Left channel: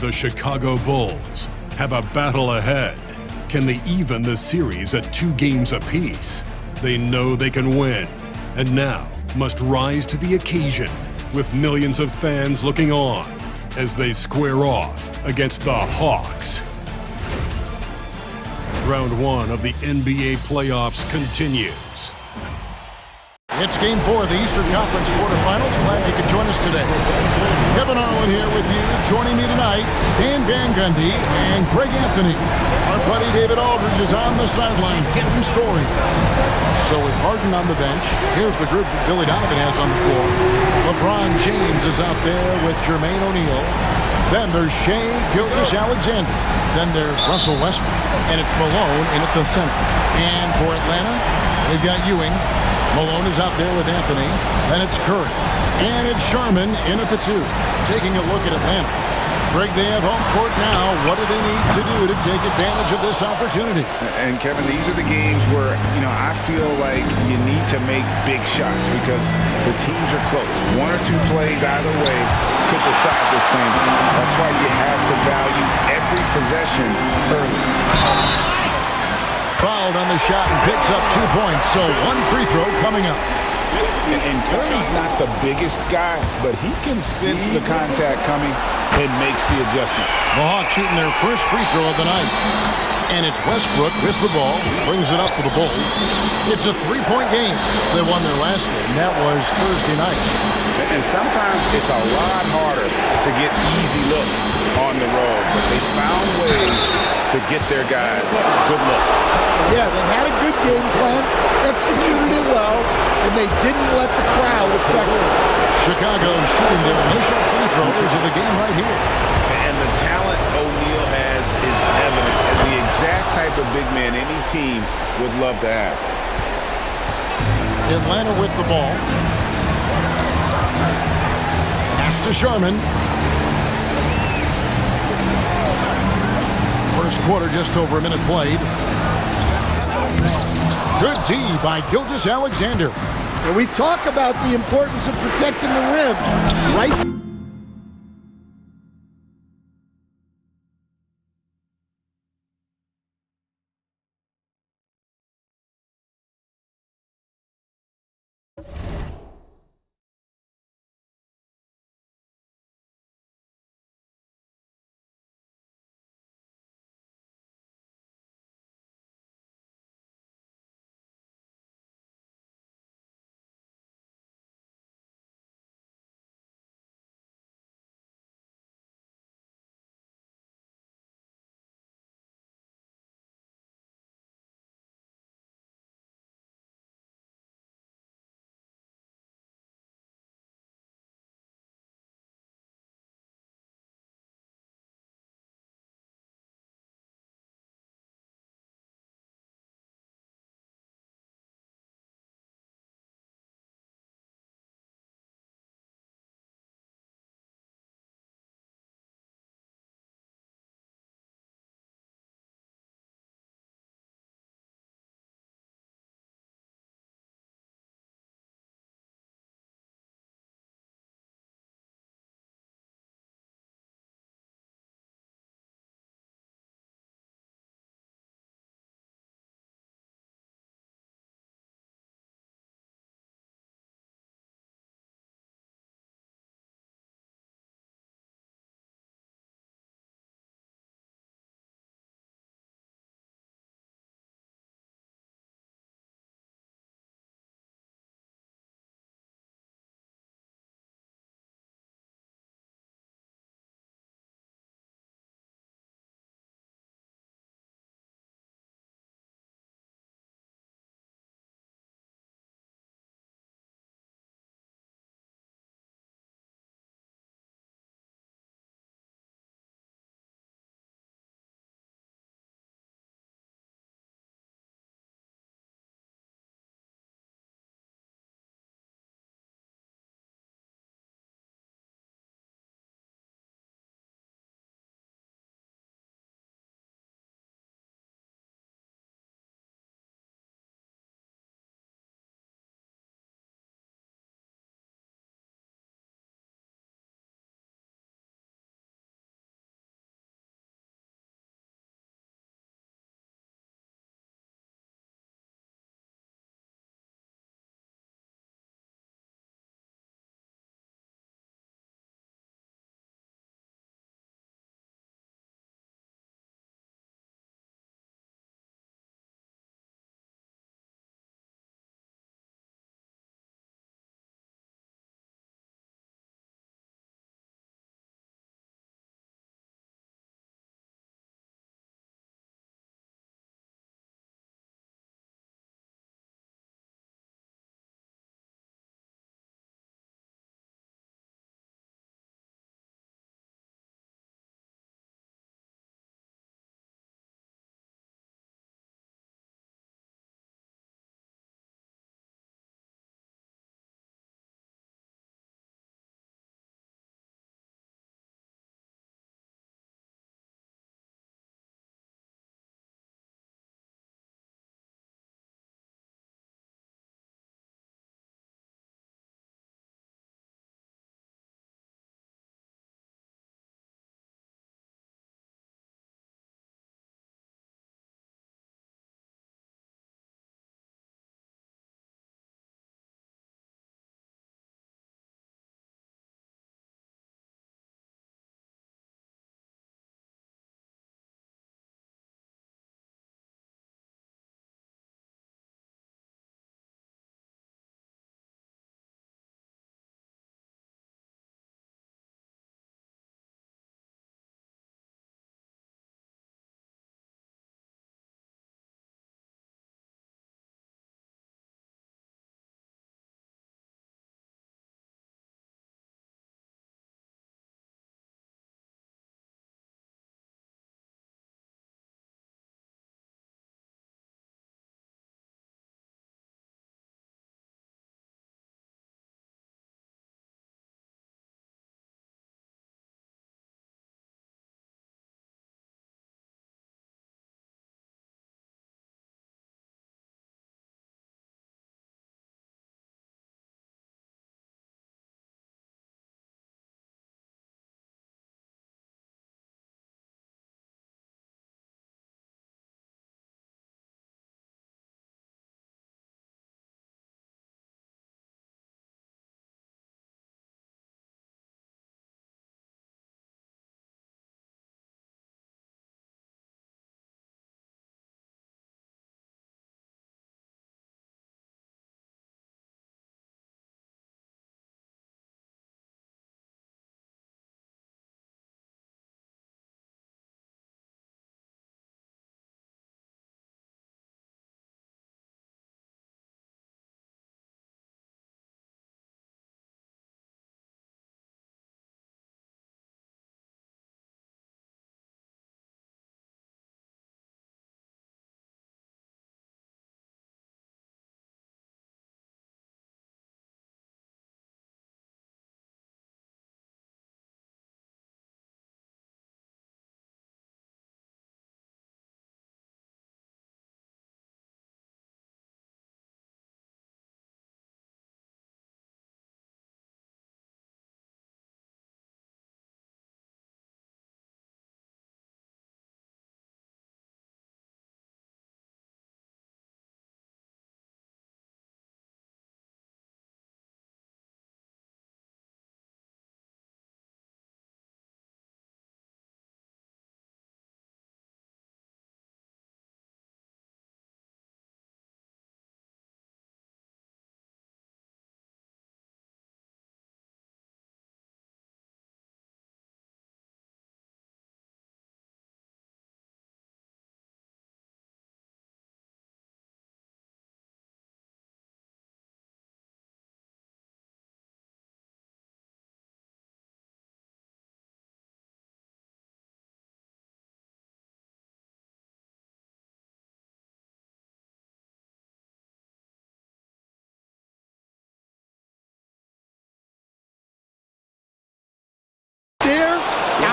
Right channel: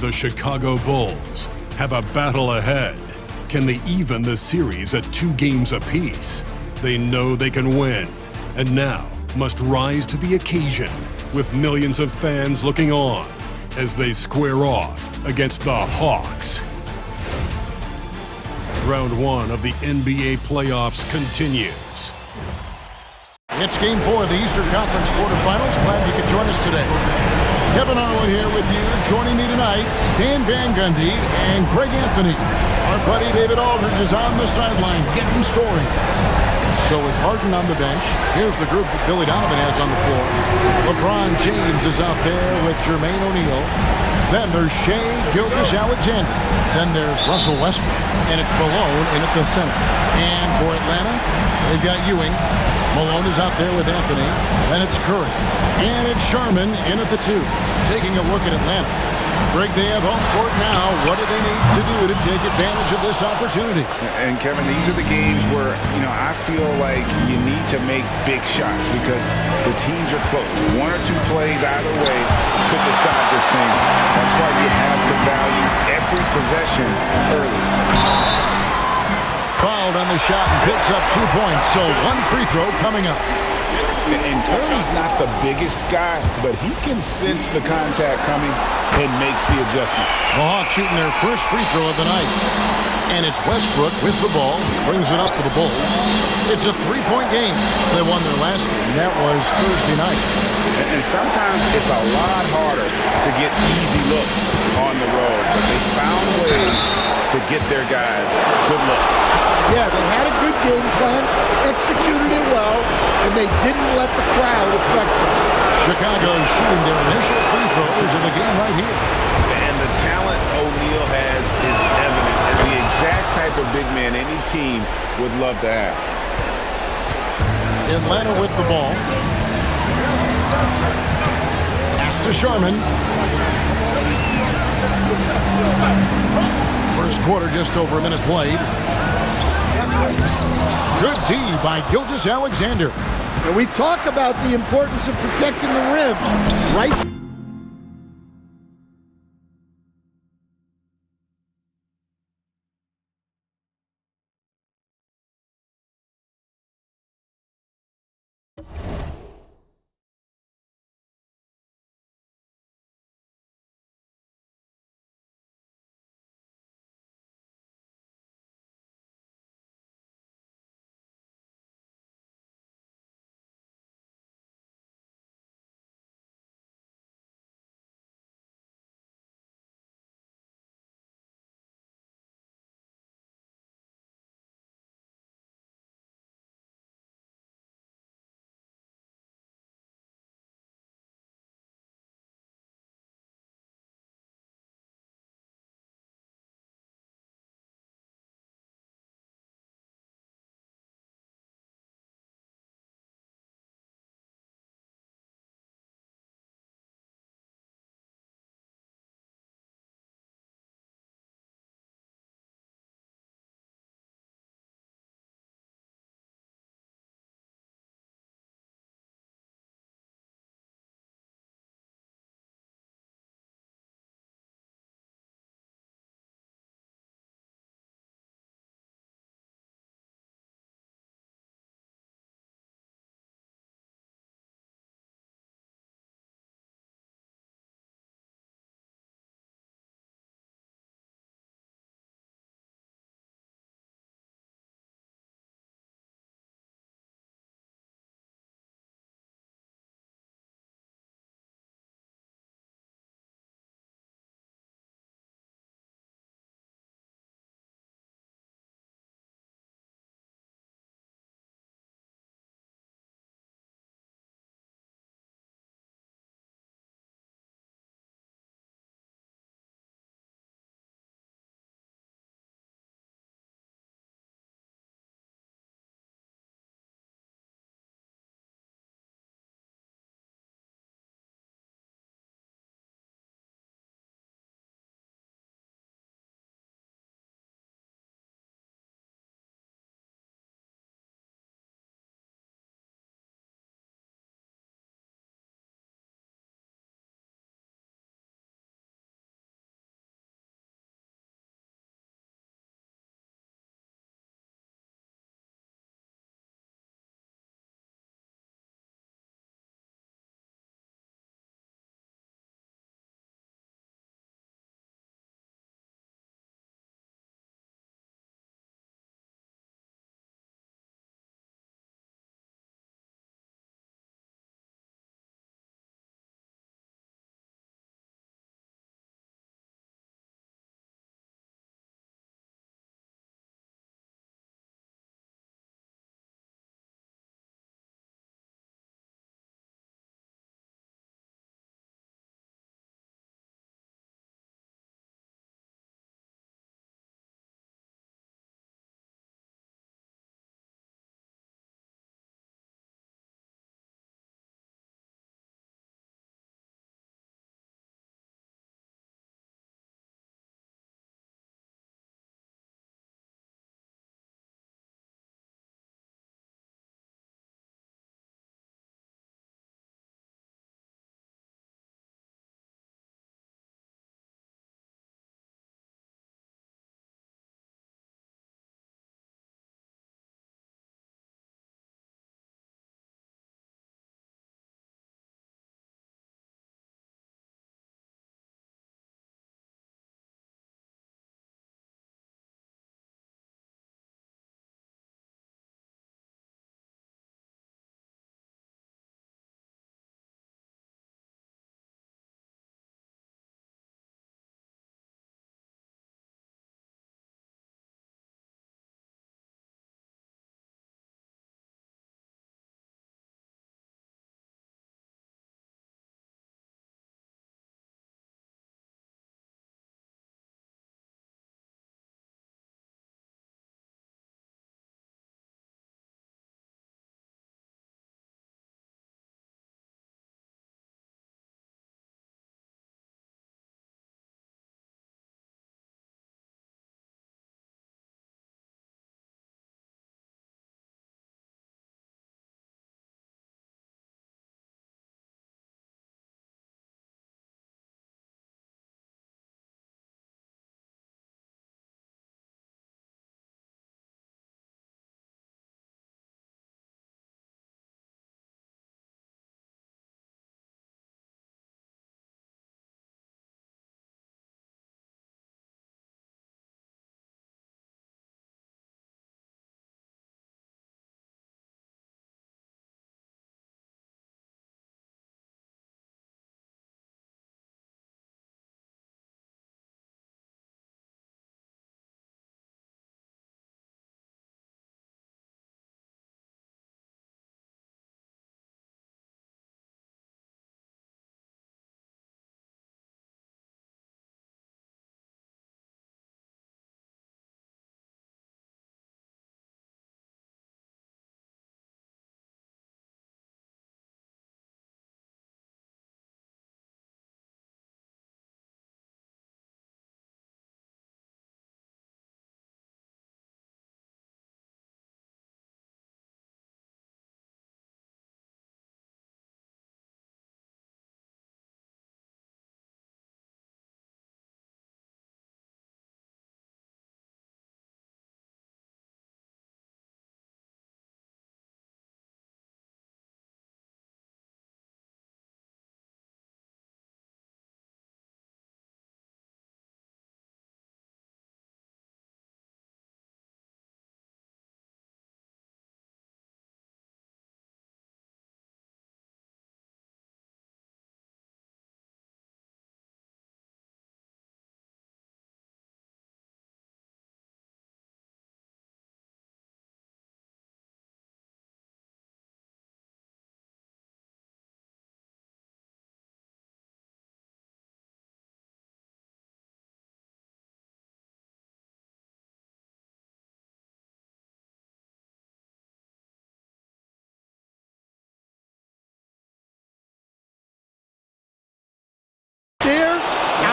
The Chicago Bulls have a battle ahead. Can they even the series at 2 games apiece? They know they can win, and now must rise to the occasion with millions of fans looking on as they square off against the Hawks. Round 1 of the NBA playoffs continues. It's Game 4 of the Eastern Conference quarterfinals. Glad you could join us today. Kevin Harlan here with you. Joining me tonight, Stan Van Gundy and Greg Anthony. Our buddy David Aldridge is on the sideline getting story. So with Harden on the bench, here's the group that Billy Donovan has on the floor. LeBron James is out there with Jermaine O'Neal. Then there's Shai Gilgeous-Alexander. Then there's Russell Westbrook. And it's Malone in at the center. And for Atlanta, they've got Ewing. Malone is out there with Anthony. Then it's Curry. And it's Sharman in at the 2. Taking a look at Atlanta. Greg, they have home court now. What do they need to do to take advantage of this opportunity? And Kevin, these are the games where, I feel like you need to make big shots because the teams are close. 1 or 2 plays either way could decide this thing. That's why you have to value every possession early. Fouled on the shot and picks up 2 points. So 1 free throw coming up. And Curry's not the biggest guy, but he can sense the contact coming and makes the adjustment. The Hawks shooting their first free throw of the night. And it's Westbrook with the ball. Brings it up for the Bulls. It's a 3-point game. They won their last game. That was Thursday night. And sometimes it's a lot harder to get easy looks on the road, but they found ways to get their guys good looks. Yeah, they had a good game plan, executed it well, and they didn't let the crowd affect them. Chicago shooting their initial free throws of the game right here. And the talent O'Neal has is evident and the exact type of big man any team would love to have. Atlanta with the ball. Pass to Sharman. First quarter, just over a minute played. Good D by Gilgeous-Alexander. And we talk about the importance of protecting the rim, right?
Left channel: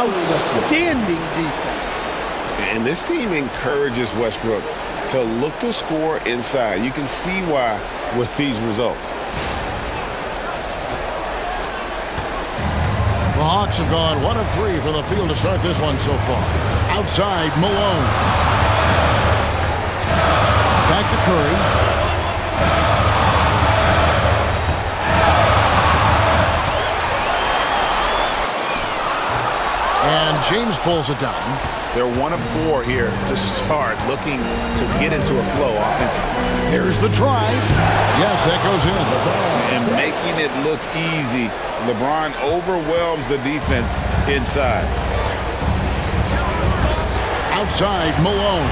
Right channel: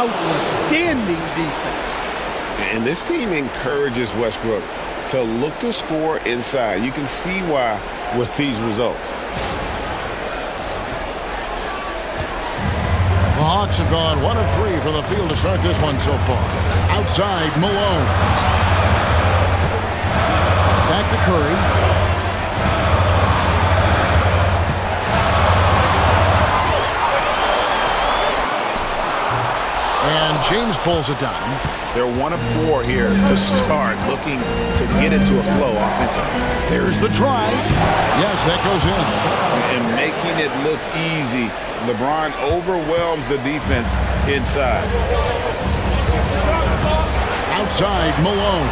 outstanding defense. And this team encourages Westbrook to look to score inside. You can see why with these results. The Hawks have gone 1 of 3 from the field to start this one so far. Outside, Malone. Back to Curry. And James pulls it down. They're 1 of 4 here to start, looking to get into a flow offensively. There's the drive. Yes, that goes in. And making it look easy. LeBron overwhelms the defense inside. Outside, Malone.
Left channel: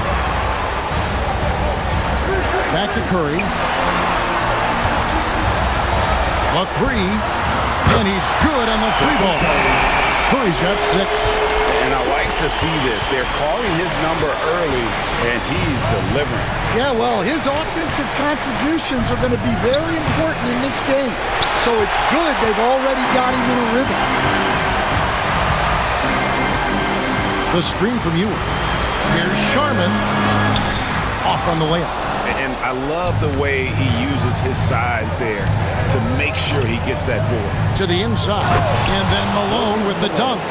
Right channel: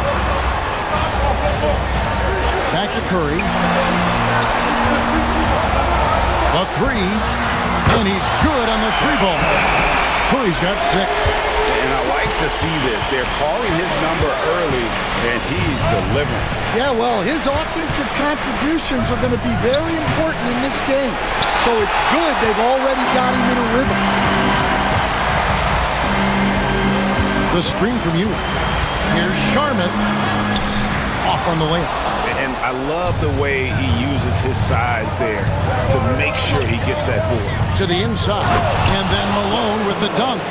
Back to Curry. The 3. And he's good on the 3-ball. Curry's got 6. And I like to see this. They're calling his number early, and he's delivering. Yeah, well, his offensive contributions are going to be very important in this game. So it's good they've already got him in a rhythm. The screen from Ewing. Here's Sharman. Off on the layup. And I love the way he uses his size there to make sure he gets that board. To the inside. And then Malone with the dunk.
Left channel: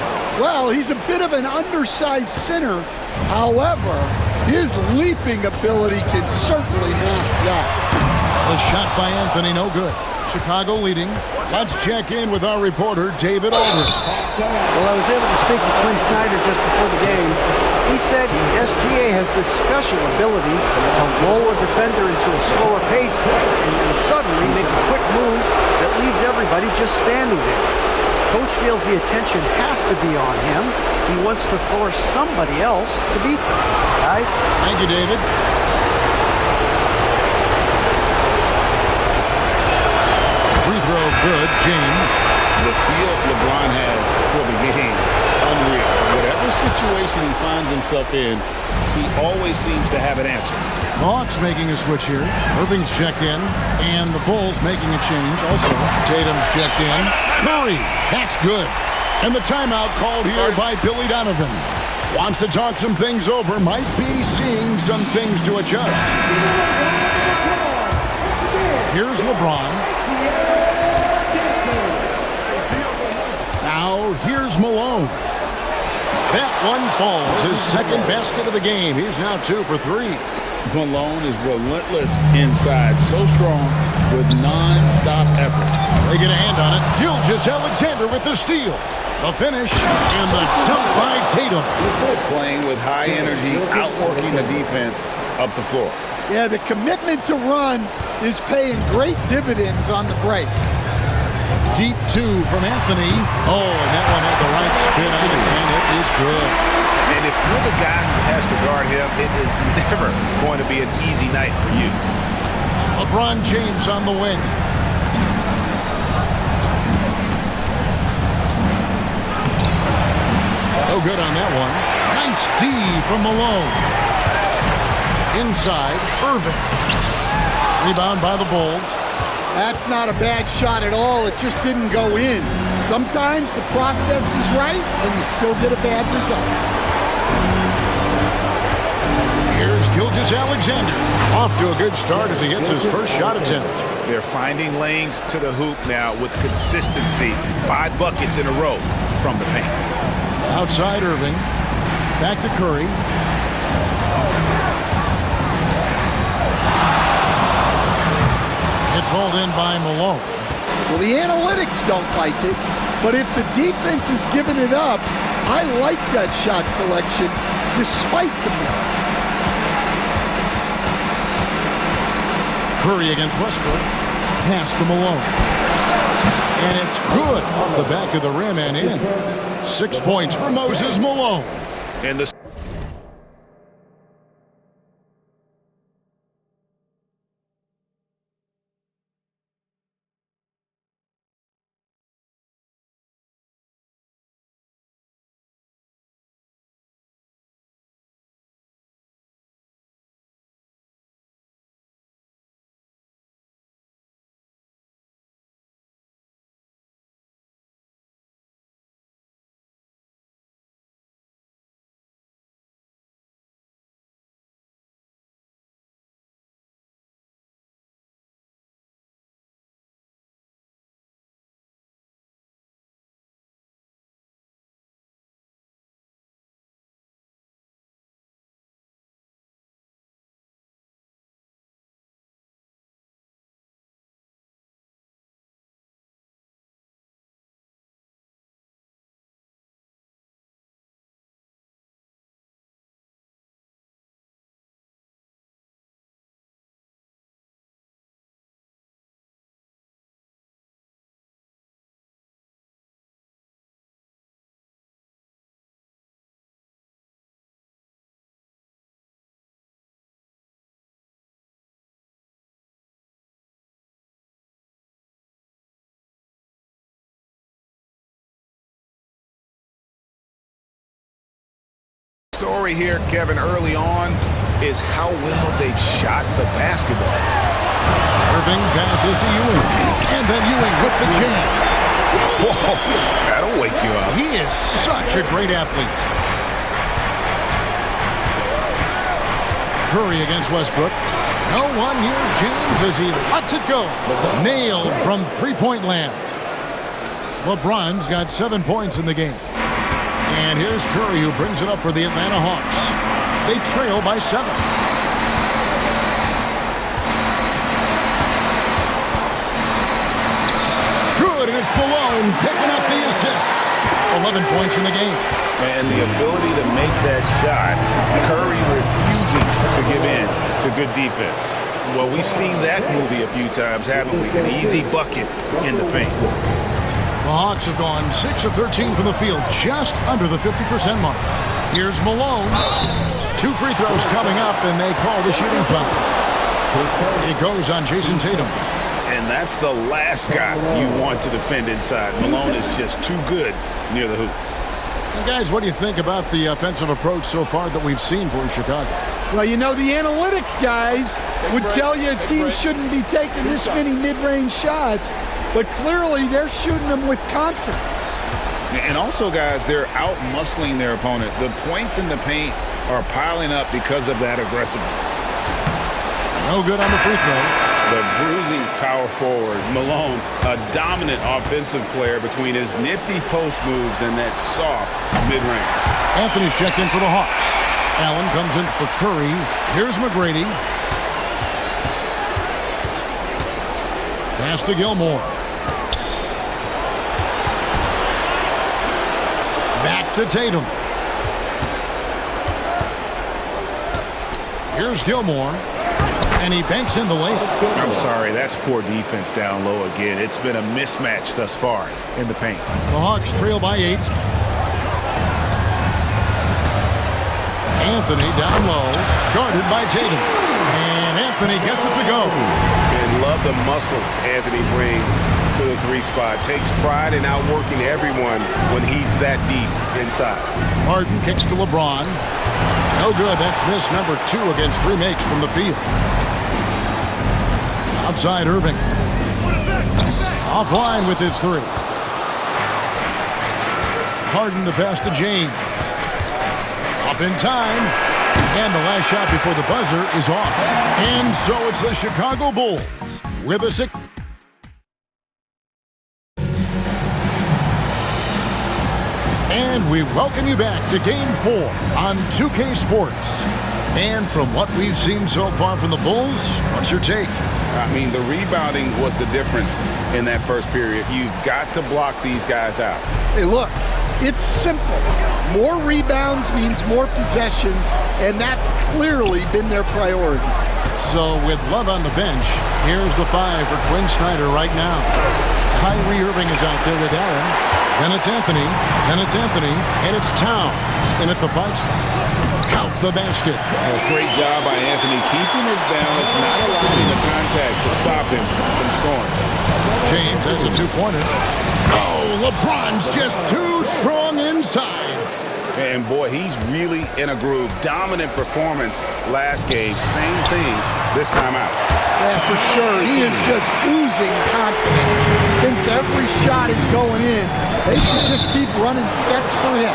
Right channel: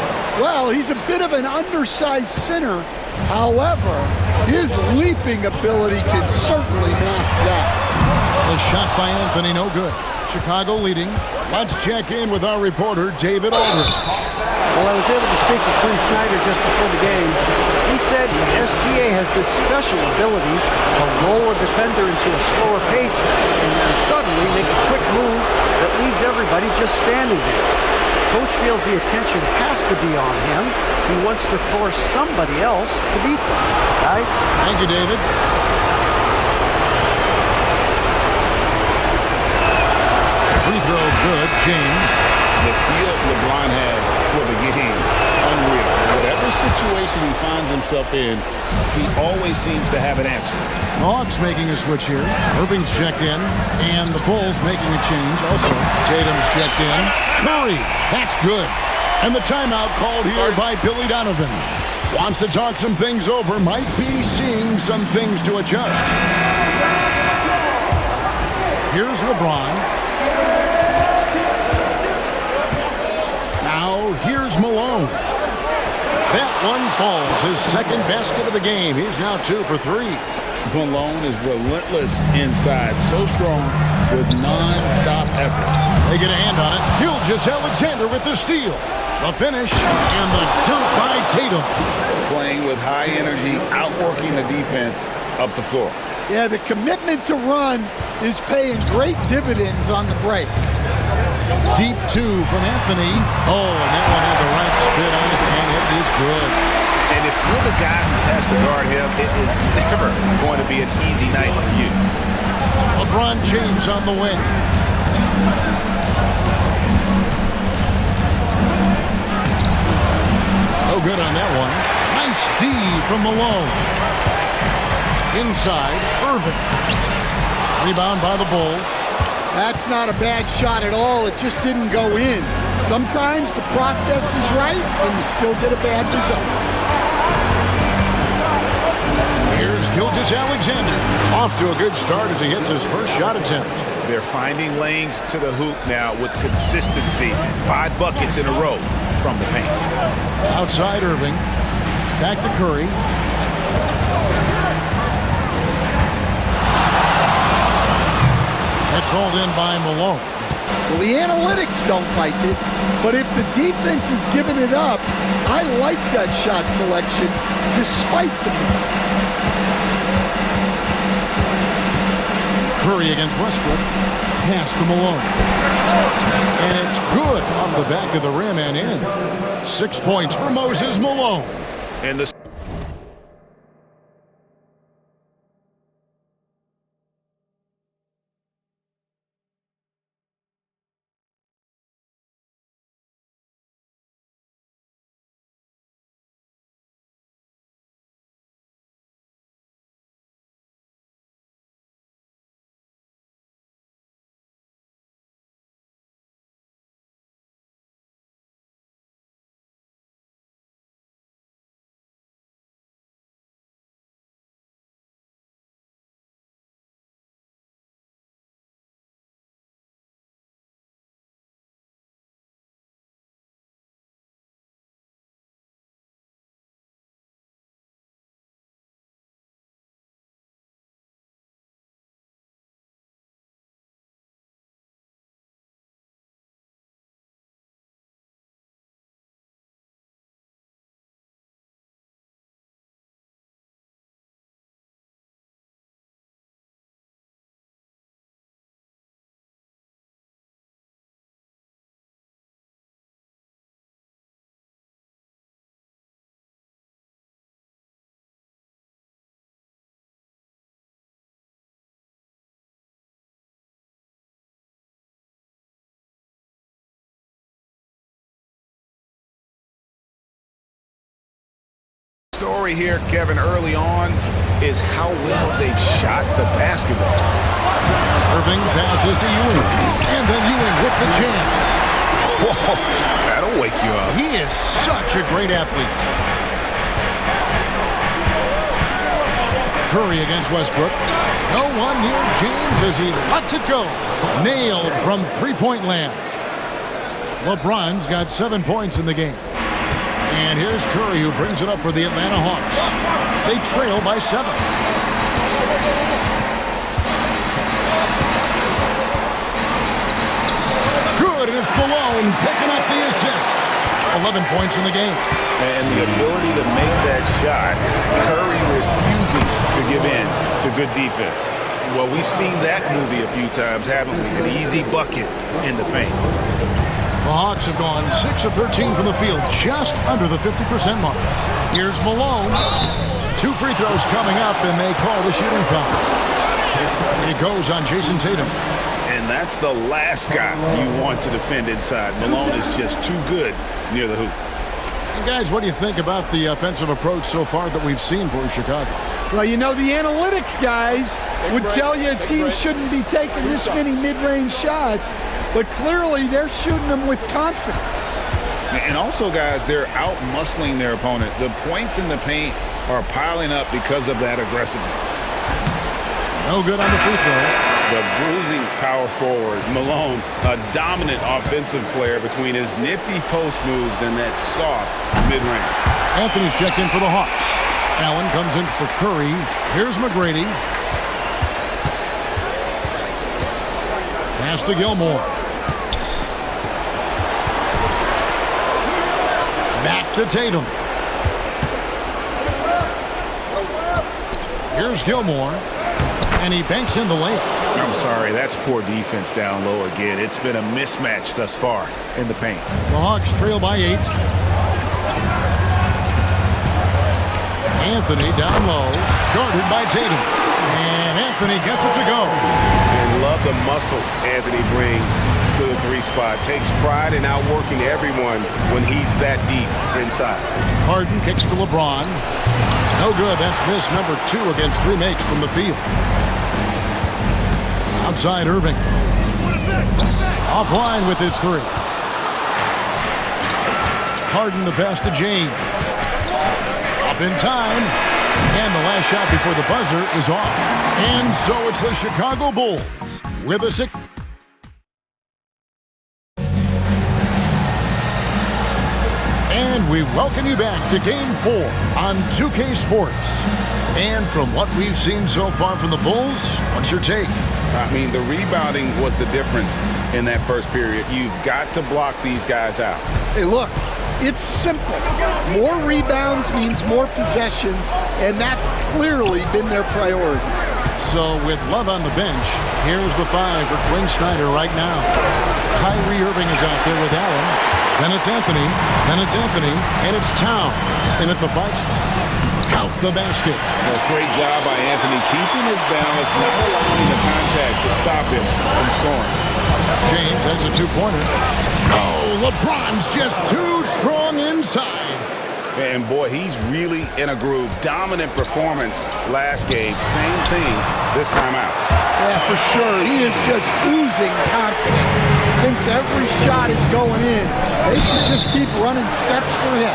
Well, he's a bit of an undersized center. However, his leaping ability can certainly mask that. The shot by Anthony, no good. Chicago leading. Let's check in with our reporter, David Aldridge. Well, I was able to speak with Quinn Snyder just before the game. He said SGA has this special ability to lull a defender into a slower pace and then suddenly make a quick move that leaves everybody just standing there. Coach feels the attention has to be on him. He wants to force somebody else to beat them. Guys? Thank you, David. Free throw good, James. The feel LeBron has for the game, unreal. Whatever situation he finds himself in, he always seems to have an answer. The Hawks making a switch here. Irving's checked in, and the Bulls making a change also. Tatum's checked in. Curry, that's good. And the timeout called here by Billy Donovan. Wants to talk some things over, might be seeing some things to adjust. Here's LeBron. Now, here's Malone. That one falls, his second basket of the game. He's now 2 for 3. Malone is relentless inside, so strong with non-stop effort. They get a hand on it. Gilgeous-Alexander with the steal. The finish and the dunk by Tatum. Playing with high energy, outworking the defense up the floor. Yeah, the commitment to run is paying great dividends on the break. Deep 2 from Anthony. Oh, and that one had the right spin on it, and it is good. And if you're the guy who has to guard him, it is never going to be an easy night for you. LeBron James on the wing. No good on that one. Nice D from Malone. Inside, Irving. Rebound by the Bulls. That's not a bad shot at all. It just didn't go in. Sometimes the process is right, and you still get a bad result. Here's Gilgeous-Alexander. Off to a good start as he hits his first shot attempt. They're finding lanes to the hoop now with consistency. 5 buckets in a row from the paint. Outside Irving. Back to Curry. It's hauled in by Malone. Well, the analytics don't like it, but if the defense is giving it up, I like that shot selection despite the miss. Curry against Westbrook. Pass to Malone. And it's good off the back of the rim and in. 6 points for Moses Malone. And the story here, Kevin, early on is how well they've shot the basketball. Irving passes to Ewing, and then Ewing with the jam. Whoa, that'll wake you up. He is such a great athlete. Curry against Westbrook. No one near James as he lets it go. Nailed from three-point land. LeBron's got 7 points in the game. And here's Curry, who brings it up for the Atlanta Hawks. They trail by 7. Good, and it's Malone picking up the assist. 11 points in the game. And the ability to make that shot, Curry refusing to give in to good defense. Well, we've seen that movie a few times, haven't we? An easy bucket in the paint. The Hawks have gone 6 of 13 from the field, just under the 50% mark. Here's Malone. 2 free throws coming up, and they call the shooting foul. It goes on Jason Tatum. And that's the last guy you want to defend inside. Malone is just too good near the hoop. And guys, what do you think about the offensive approach so far that we've seen for Chicago? Well, you know, the analytics guys would tell you a team shouldn't be taking this many mid-range shots, but clearly they're shooting them with confidence. And also, guys, they're out-muscling their opponent. The points in the paint are piling up because of that aggressiveness. No good on the free throw. The bruising power forward, Malone, a dominant offensive player between his nifty post moves and that soft mid-range. Anthony's checked in for the Hawks. Allen comes in for Curry. Here's McGrady. Pass to Gilmore. Back to Tatum. Here's Gilmore. And he banks in the layup. I'm sorry, that's poor defense down low again. It's been a mismatch thus far in the paint. The Hawks trail by 8. Anthony down low, guarded by Tatum. And Anthony gets it to go. And love the muscle Anthony brings to the 3 spot. Takes pride in outworking everyone when he's that deep inside. Harden kicks to LeBron. No good. That's miss number 2 against 3 makes from the field. Outside Irving. Offline with his 3. Harden the pass to James. Up in time. And the last shot before the buzzer is off. And so it's the Chicago Bulls with a 6. And we welcome you back to Game 4 on 2K Sports. And from what we've seen so far from the Bulls, what's your take? I mean, the rebounding was the difference in that first period. You've got to block these guys out. Hey, look, it's simple. More rebounds means more possessions, and that's clearly been their priority. So with Love on the bench, here's the 5 for Quinn Snyder right now. Kyrie Irving is out there with Allen. Then it's Anthony. Then it's Anthony. And it's Towns in at the 5 spot. Count the basket. Well, great job by Anthony keeping his balance, not allowing the contact to stop him from scoring. James has a 2-pointer. Oh, LeBron's just too strong inside. And boy, he's really in a groove. Dominant performance last game. Same thing this time out. Yeah, for sure. He is just oozing confidence. Thinks every shot is going in. They should just keep running sets for him.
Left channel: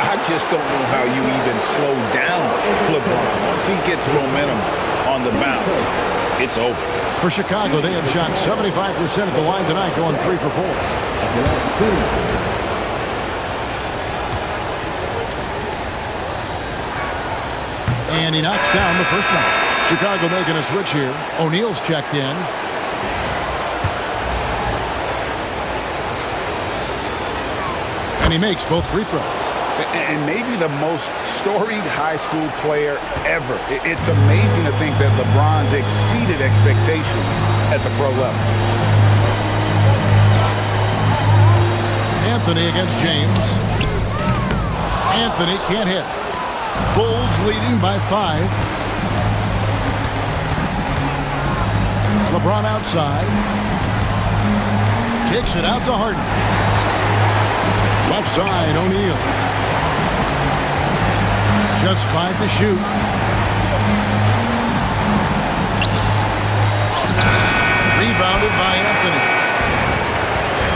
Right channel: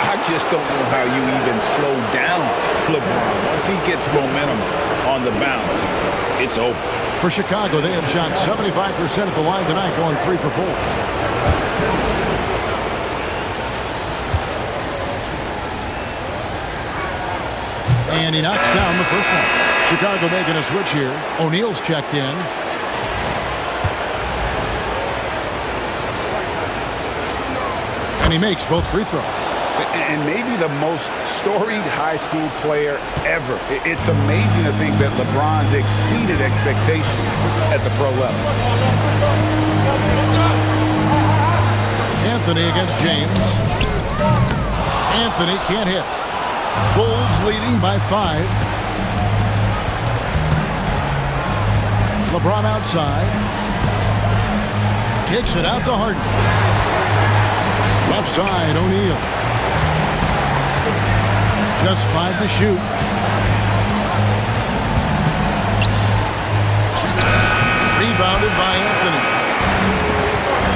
I just don't know how you even slow down LeBron. Once he gets momentum on the bounce, it's over. For Chicago, they have shot 75% at the line tonight, going 3 for 4. And he knocks down the first one. Chicago making a switch here. O'Neal's checked in. And he makes both free throws. And maybe the most storied high school player ever. It's amazing to think that LeBron's exceeded expectations at the pro level. Anthony against James. Anthony can't hit. Bulls leading by 5. LeBron outside. Kicks it out to Harden. Left side, O'Neal. Just 5 to shoot. Rebounded by Anthony.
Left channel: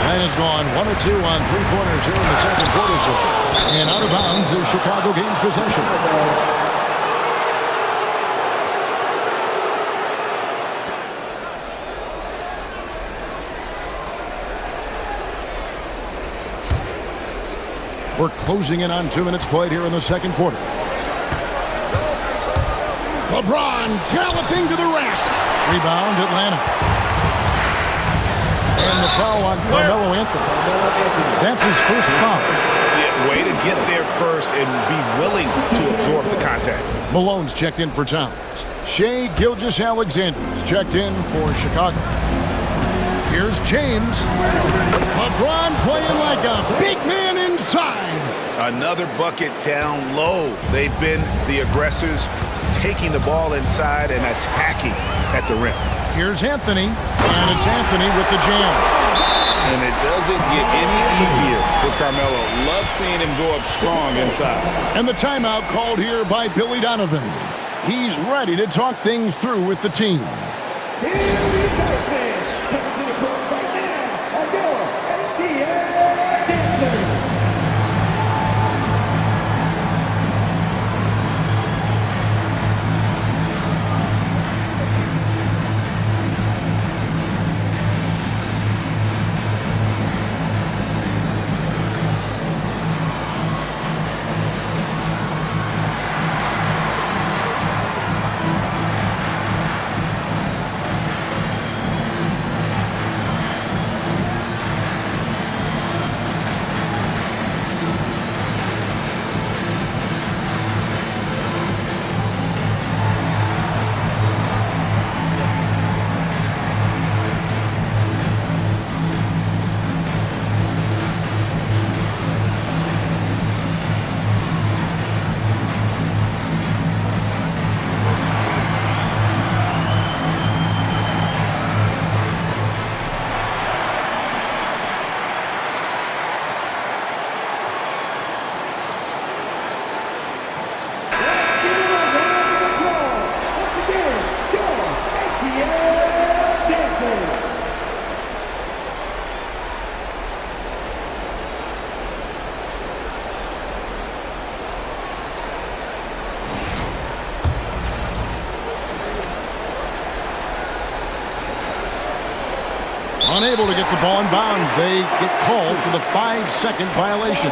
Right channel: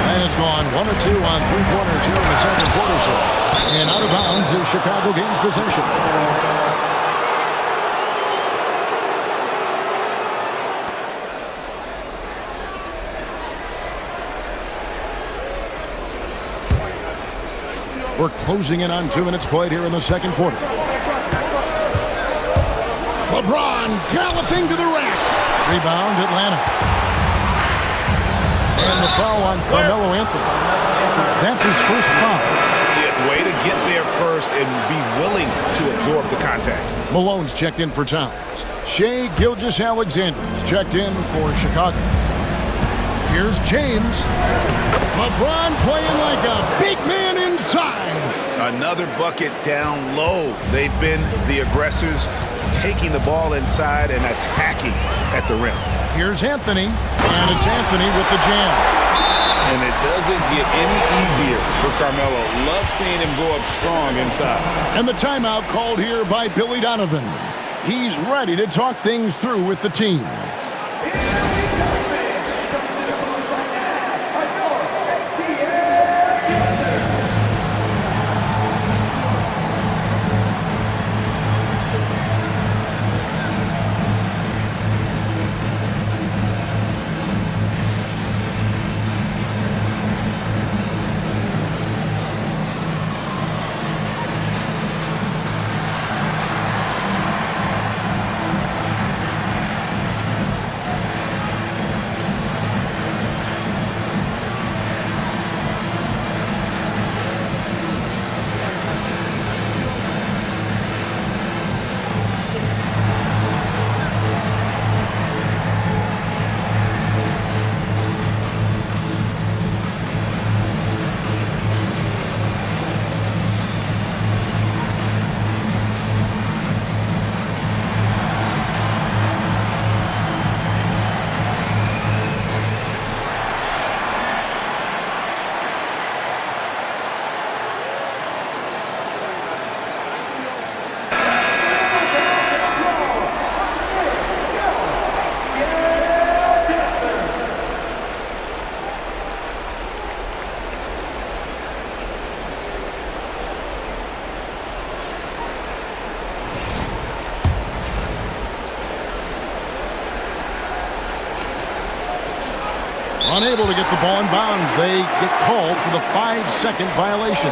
That has gone 1 or 2 on 3-pointers here in the second quarter so far. And out of bounds as Chicago gains possession. We're closing in on 2 minutes played here in the second quarter. LeBron galloping to the rack. Rebound, Atlanta. And the foul on Carmelo Anthony. That's his first foul. Yeah, way to get there first and be willing to absorb the contact. Malone's checked in for Towns. Shai Gilgeous-Alexander's checked in for Chicago. Here's James. LeBron playing like a big man inside. Another bucket down low. They've been the aggressors, taking the ball inside and attacking at the rim. Here's Anthony, and it's Anthony with the jam. And it doesn't get any easier for Carmelo. Love seeing him go up strong inside. And the timeout called here by Billy Donovan. He's ready to talk things through with the team. Unable to get the ball in bounds. They get called for the 5-second violation.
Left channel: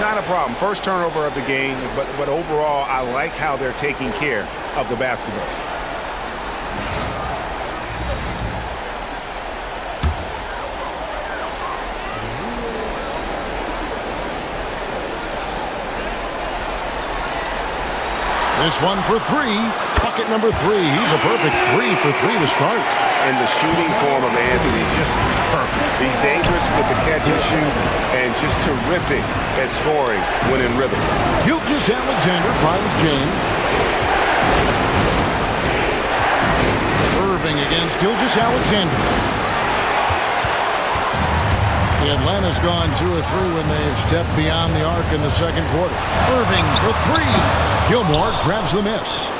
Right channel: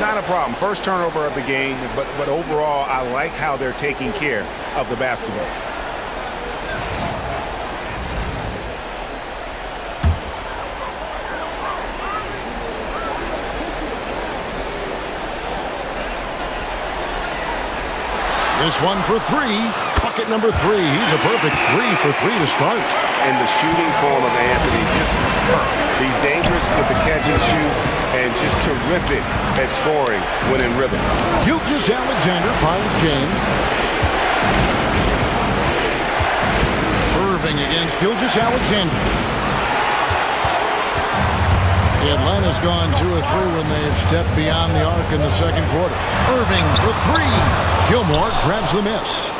Not a problem. First turnover of the game, but overall, I like how they're taking care of the basketball. This one for 3. Bucket number 3. He's a perfect 3 for 3 to start. And the shooting form of Anthony, just perfect. He's dangerous with the catch and shoot and just terrific at scoring when in rhythm. Gilgeous-Alexander finds James. Irving against Gilgeous-Alexander. Atlanta's gone 2 or 3 when they've stepped beyond the arc in the second quarter. Irving for 3. Gilmore grabs the miss.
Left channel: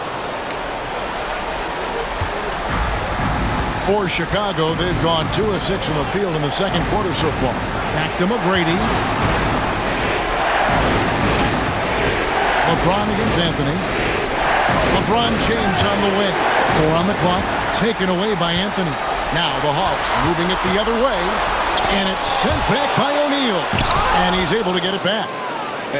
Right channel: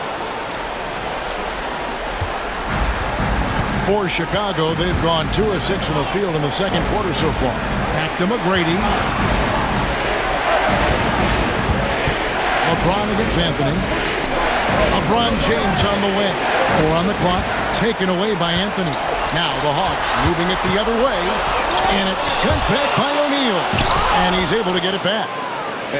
For Chicago, they've gone 2 of 6 from the field in the second quarter so far. Back to McGrady. LeBron against Anthony. LeBron James on the wing. 4 on the clock. Taken away by Anthony. Now the Hawks moving it the other way. And it's sent back by O'Neal. And he's able to get it back.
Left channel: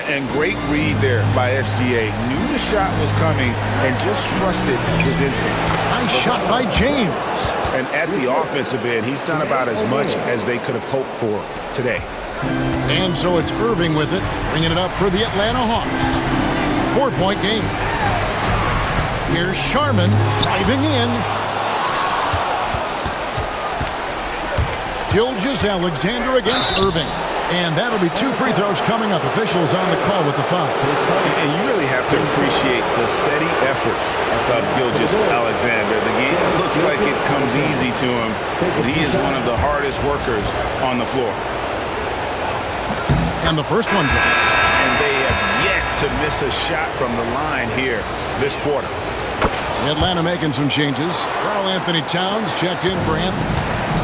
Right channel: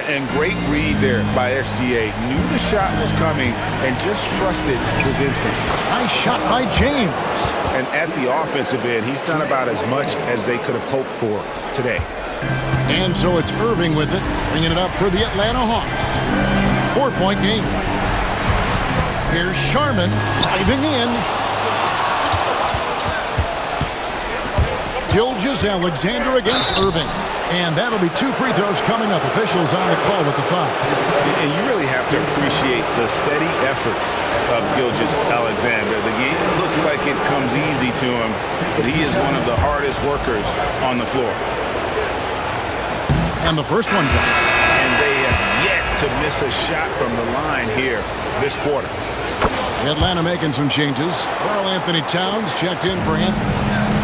And great read there by SGA. Knew the shot was coming and just trusted his instinct. Nice shot by James. And at the offensive end, he's done about as much as they could have hoped for today. And so it's Irving with it, bringing it up for the Atlanta Hawks. 4-point game. Here's Sharman driving in. Gilgeous-Alexander against Irving. And that'll be 2 free throws coming up. Officials on the call with the foul. And you really have to appreciate the steady effort of Gilgeous-Alexander. The game looks like it comes easy to him, but he is one of the hardest workers on the floor. And the first one drops. And they have yet to miss a shot from the line here this quarter. Atlanta making some changes. Karl Anthony Towns checked in for Anthony.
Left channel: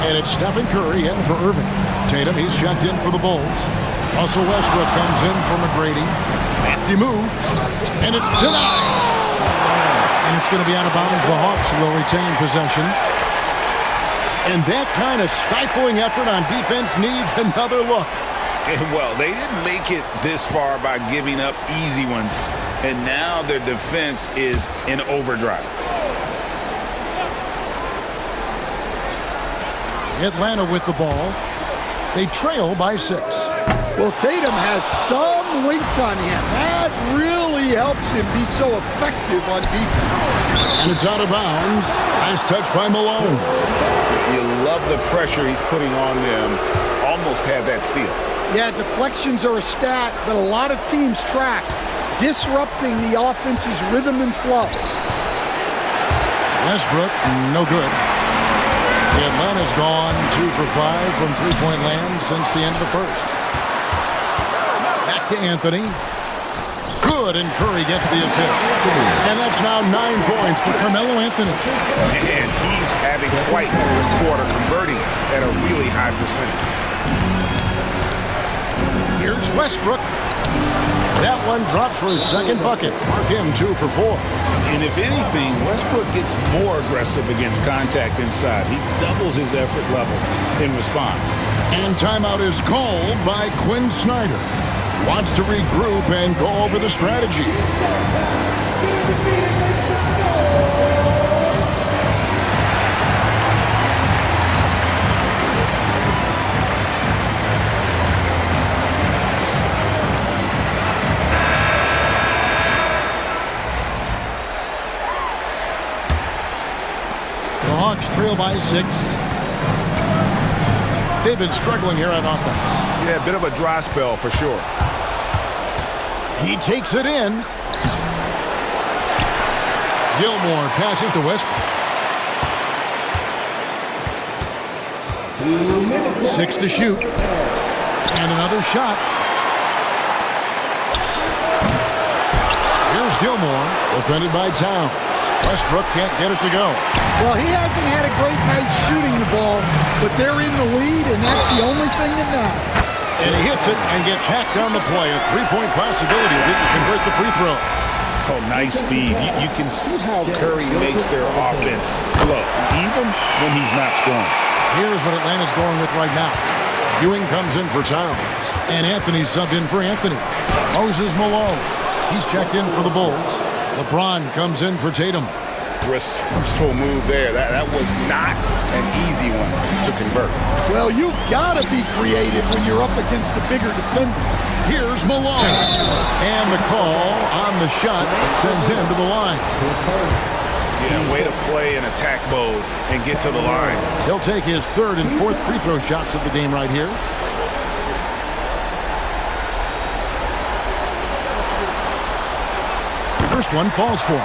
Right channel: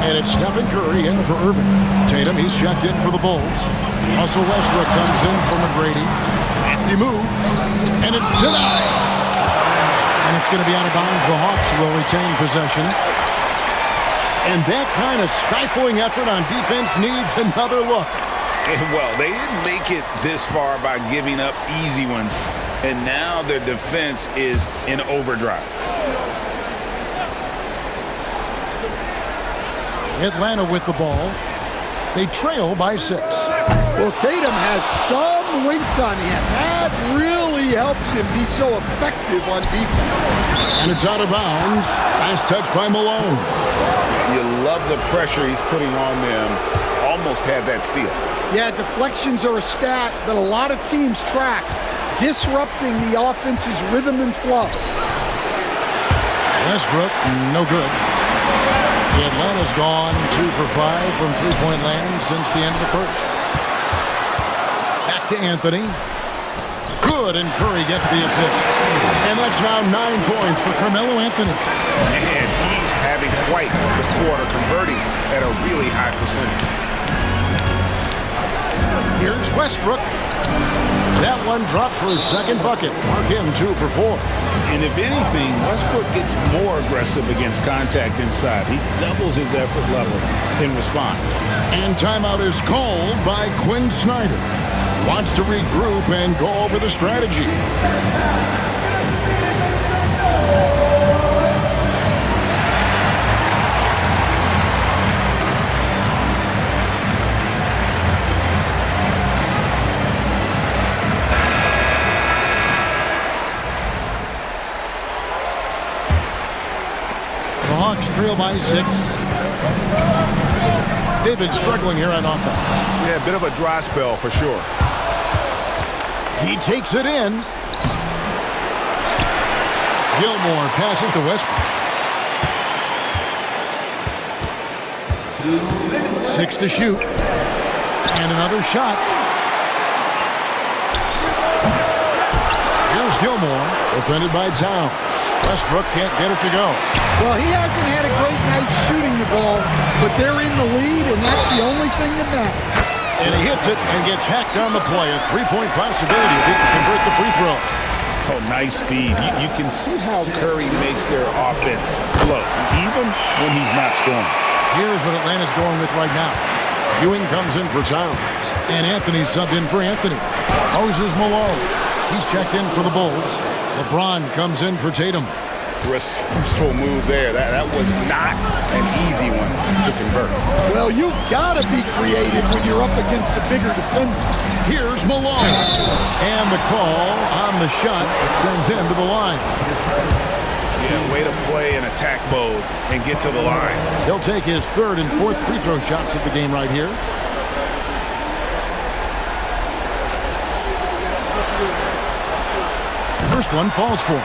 And it's Stephen Curry in for Irving. Tatum, he's checked in for the Bulls. Russell Westbrook comes in for McGrady. Crafty move. And it's denied. And it's going to be out of bounds. The Hawks will retain possession. And that kind of stifling effort on defense needs another look. Well, they didn't make it this far by giving up easy ones. And now their defense is in overdrive. Atlanta with the ball. They trail by 6. Well, Tatum has some length on him. That really helps him be so effective on defense. And it's out of bounds. Nice touch by Malone. You love the pressure he's putting on them. Almost had that steal. Yeah, deflections are a stat that a lot of teams track, disrupting the offense's rhythm and flow. Westbrook, no good. Atlanta's gone 2 for 5 from three-point land since the end of the first. Back to Anthony. Good, and Curry gets the assist. And that's now 9 points for Carmelo Anthony. And he's having quite the quarter, converting at a really high percentage. Here's Westbrook. That one dropped for his second bucket. Mark him 2 for 4. And if anything, Westbrook gets more aggressive against contact inside. He doubles his effort level in response. And timeout is called by Quinn Snyder. Wants to regroup and go over the strategy. The Hawks trail by 6. They've been struggling here on offense. Yeah, a bit of a dry spell for sure. He takes it in. Gilmore passes to Westbrook. 2 minutes. 6 to shoot. And another shot. Here's Gilmore, defended by Towns. Westbrook can't get it to go. Well, he hasn't had a great night shooting the ball, but they're in the lead, and that's the only thing that matters. And he hits it and gets hacked on the play. A three-point possibility if he can convert the free throw. Oh, nice feed. You can see how Curry makes their offense flow, even when he's not scoring. Here's what Atlanta's going with right now. Ewing comes in for Towns, and Anthony subbed in for Anthony. Moses Malone. He's checked in for the Bulls. LeBron comes in for Tatum. Resourceful move there. That was not an easy one to convert. Well, you've got to be creative when you're up against a bigger defender. Here's Malone. And the call on the shot that sends him to the line. Yeah, way to play in attack mode and get to the line. He'll take his third and fourth free throw shots of the game right here. First one falls for him.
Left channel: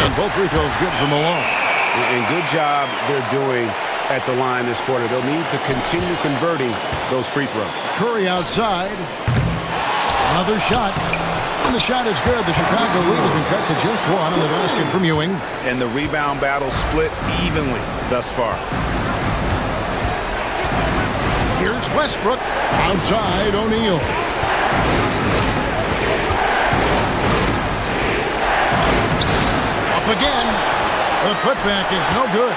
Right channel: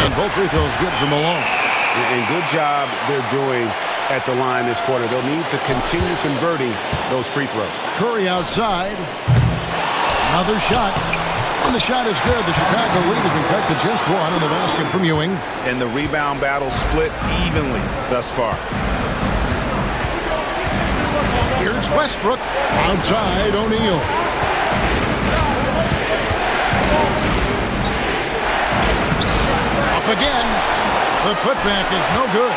And both free throws good for Malone. And good job they're doing at the line this quarter. They'll need to continue converting those free throws. Curry outside. Another shot. And the shot is good. The Chicago lead has been cut to just 1 on the basket from Ewing. And the rebound battle split evenly thus far. Here's Westbrook. Outside O'Neal. Up again. The putback is no good.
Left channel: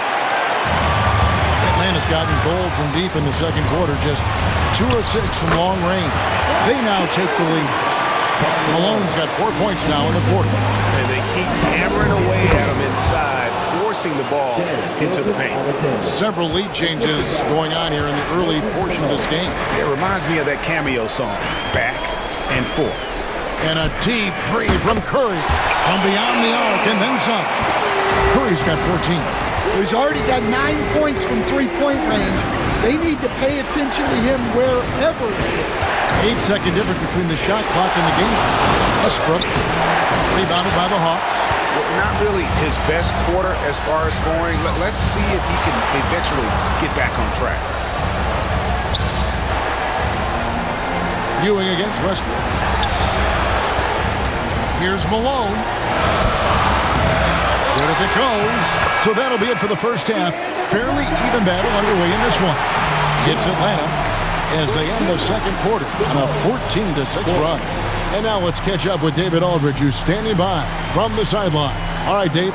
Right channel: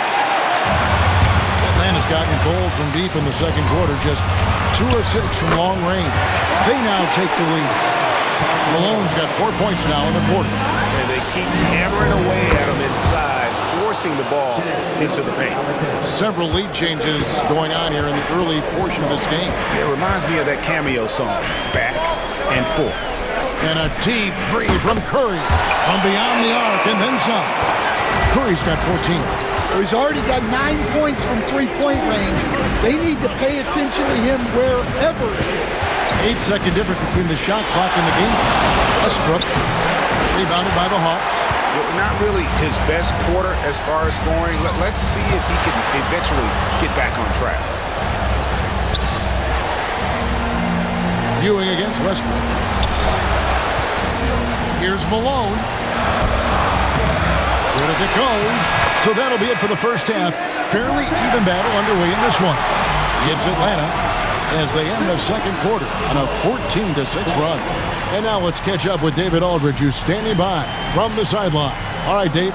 Atlanta's gotten cold from deep in the second quarter. Just 2 of 6 from long range. They now take the lead. Malone's got 4 points now in the quarter. And they keep hammering away at him inside, forcing the ball into the paint. Several lead changes going on here in the early portion of this game. It reminds me of that cameo song, Back and Forth. And a deep three from Curry. From beyond the arc and then some. Curry's got 14. He's already got 9 points from three-point range. They need to pay attention to him wherever he is. 8-second difference between the shot clock and the game clock. Westbrook, rebounded by the Hawks. not really his best quarter as far as scoring. Let's see if he can eventually get back on track. Ewing against Westbrook. Here's Malone. Good if it goes. So that'll be it for the first half. Fairly even battle underway in this one. It's Atlanta as they end the second quarter on a 14-6 run. And now let's catch up with David Aldridge, who's standing by from the sideline. All right, Dave.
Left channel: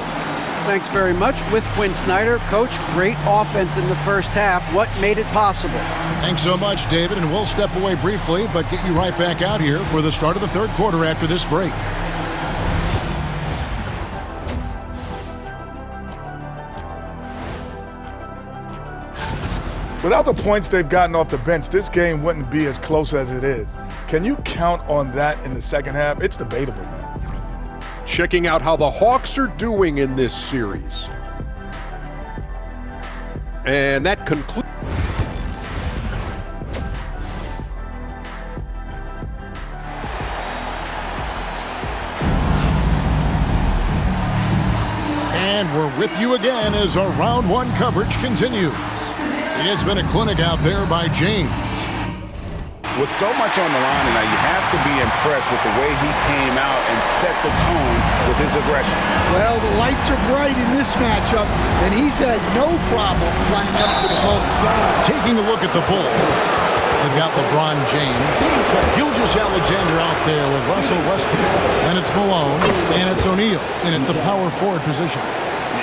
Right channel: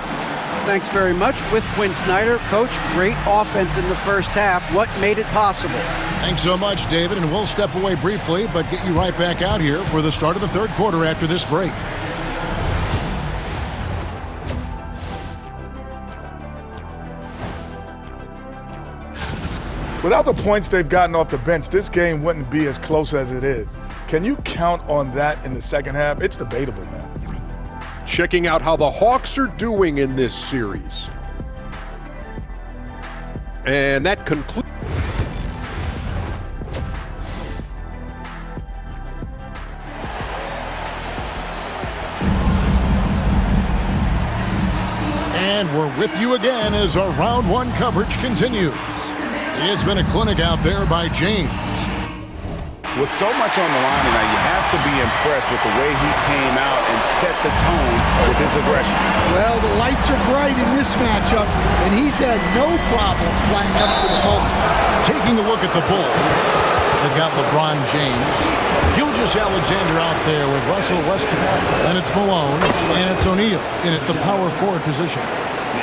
Thanks very much. With Quinn Snyder, Coach, great offense in the first half. What made it possible? Thanks so much, David, and we'll step away briefly, but get you right back out here for the start of the third quarter after this break. Without the points they've gotten off the bench, this game wouldn't be as close as it is. Can you count on that in the second half? It's debatable, man. Checking out how the Hawks are doing in this series. And that concludes. And we're with you again as our round one coverage continues. It's been a clinic out there by James. With so much on the line tonight, you have to be impressed with the way he came out and set the tone with his aggression. Well, the lights are bright in this matchup, and he's had no problem playing up to the moment. Taking a look at the Bulls, they've got LeBron James, Gilgeous-Alexander out there with Russell Westbrook, and it's Malone, and it's O'Neal in at the power forward position.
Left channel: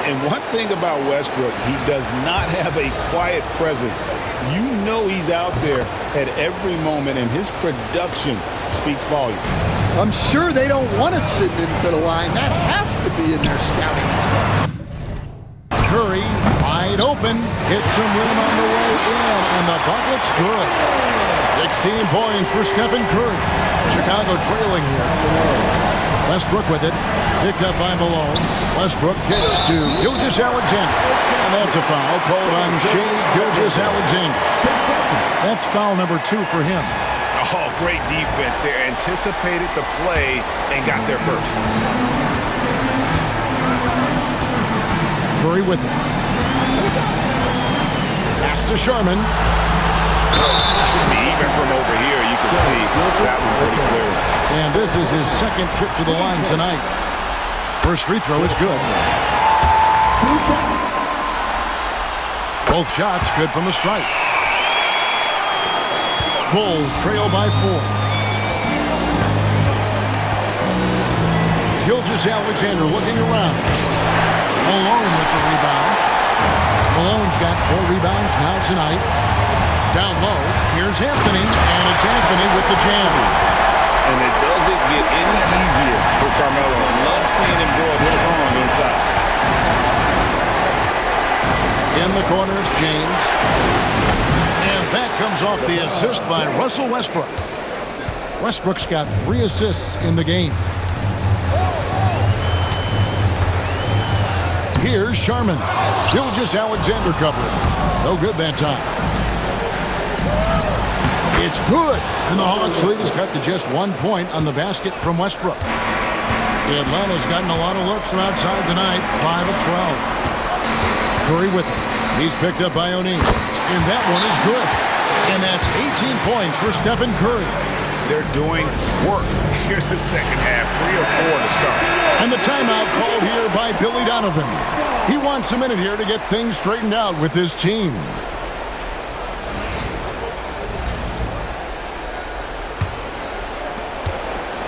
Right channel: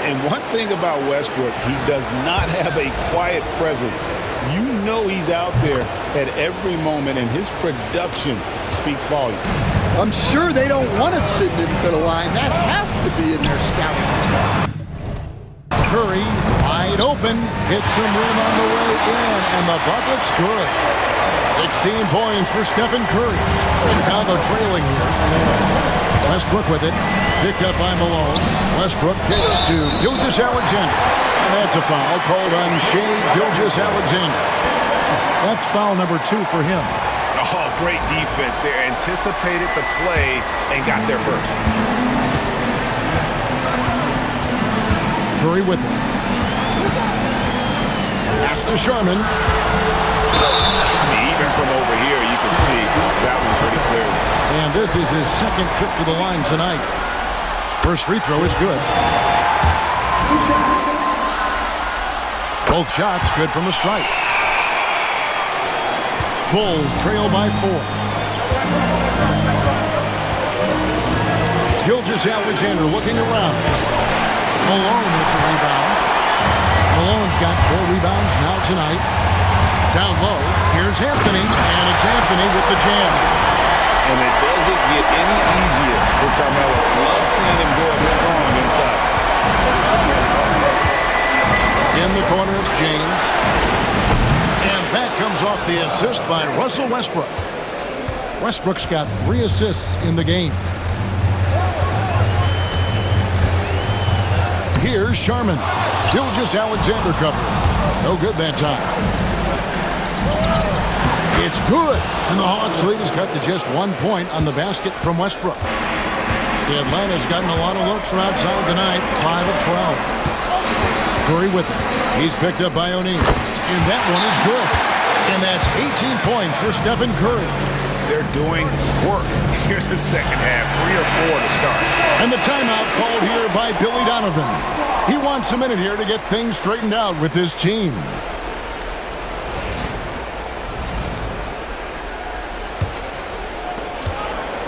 And one thing about Westbrook, he does not have a quiet presence. You know he's out there at every moment, and his production speaks volumes. I'm sure they don't want to send him to the line. That has to be in their scouting report. Curry, wide open, hits some rim on the way in, and the bucket's good. 16 points for Stephen Curry. Chicago trailing here. Westbrook with it. Picked up by Malone. Westbrook kicks to Gilgeous-Alexander. And that's a foul called on Shai Gilgeous-Alexander. That's foul number 2 for him. Oh, great defense there. Anticipated the play and got there first. Curry with it. Pass to Sharman. Even from over here, you can see that one pretty clearly. And this is his second trip to the line tonight. First free throw is good. Both shots good from the stripe. Bulls trail by 4. Gilgeous-Alexander looking around. Malone with the rebound. Malone's got 4 rebounds now tonight. Down low, here's Anthony, and it's Anthony with the jam. And it doesn't get any easier for Carmelo. Love seeing him go up strong inside. In the corner, it's James. And that comes off the assist by Russell Westbrook. Westbrook's got 3 assists in the game. Here's Sharman. Gilgeous-Alexander covering. No good that time. It's good, and the Hawks lead is cut to just 1 point on the basket from Westbrook. Atlanta's gotten a lot of looks from outside tonight, 5 of 12. Curry with it. He's picked up by O'Neal, and that one is good. And that's 18 points for Stephen Curry. They're doing work here in the second half, 3 or 4 to start. And the timeout called here by Billy Donovan. He wants a minute here to get things straightened out with his team.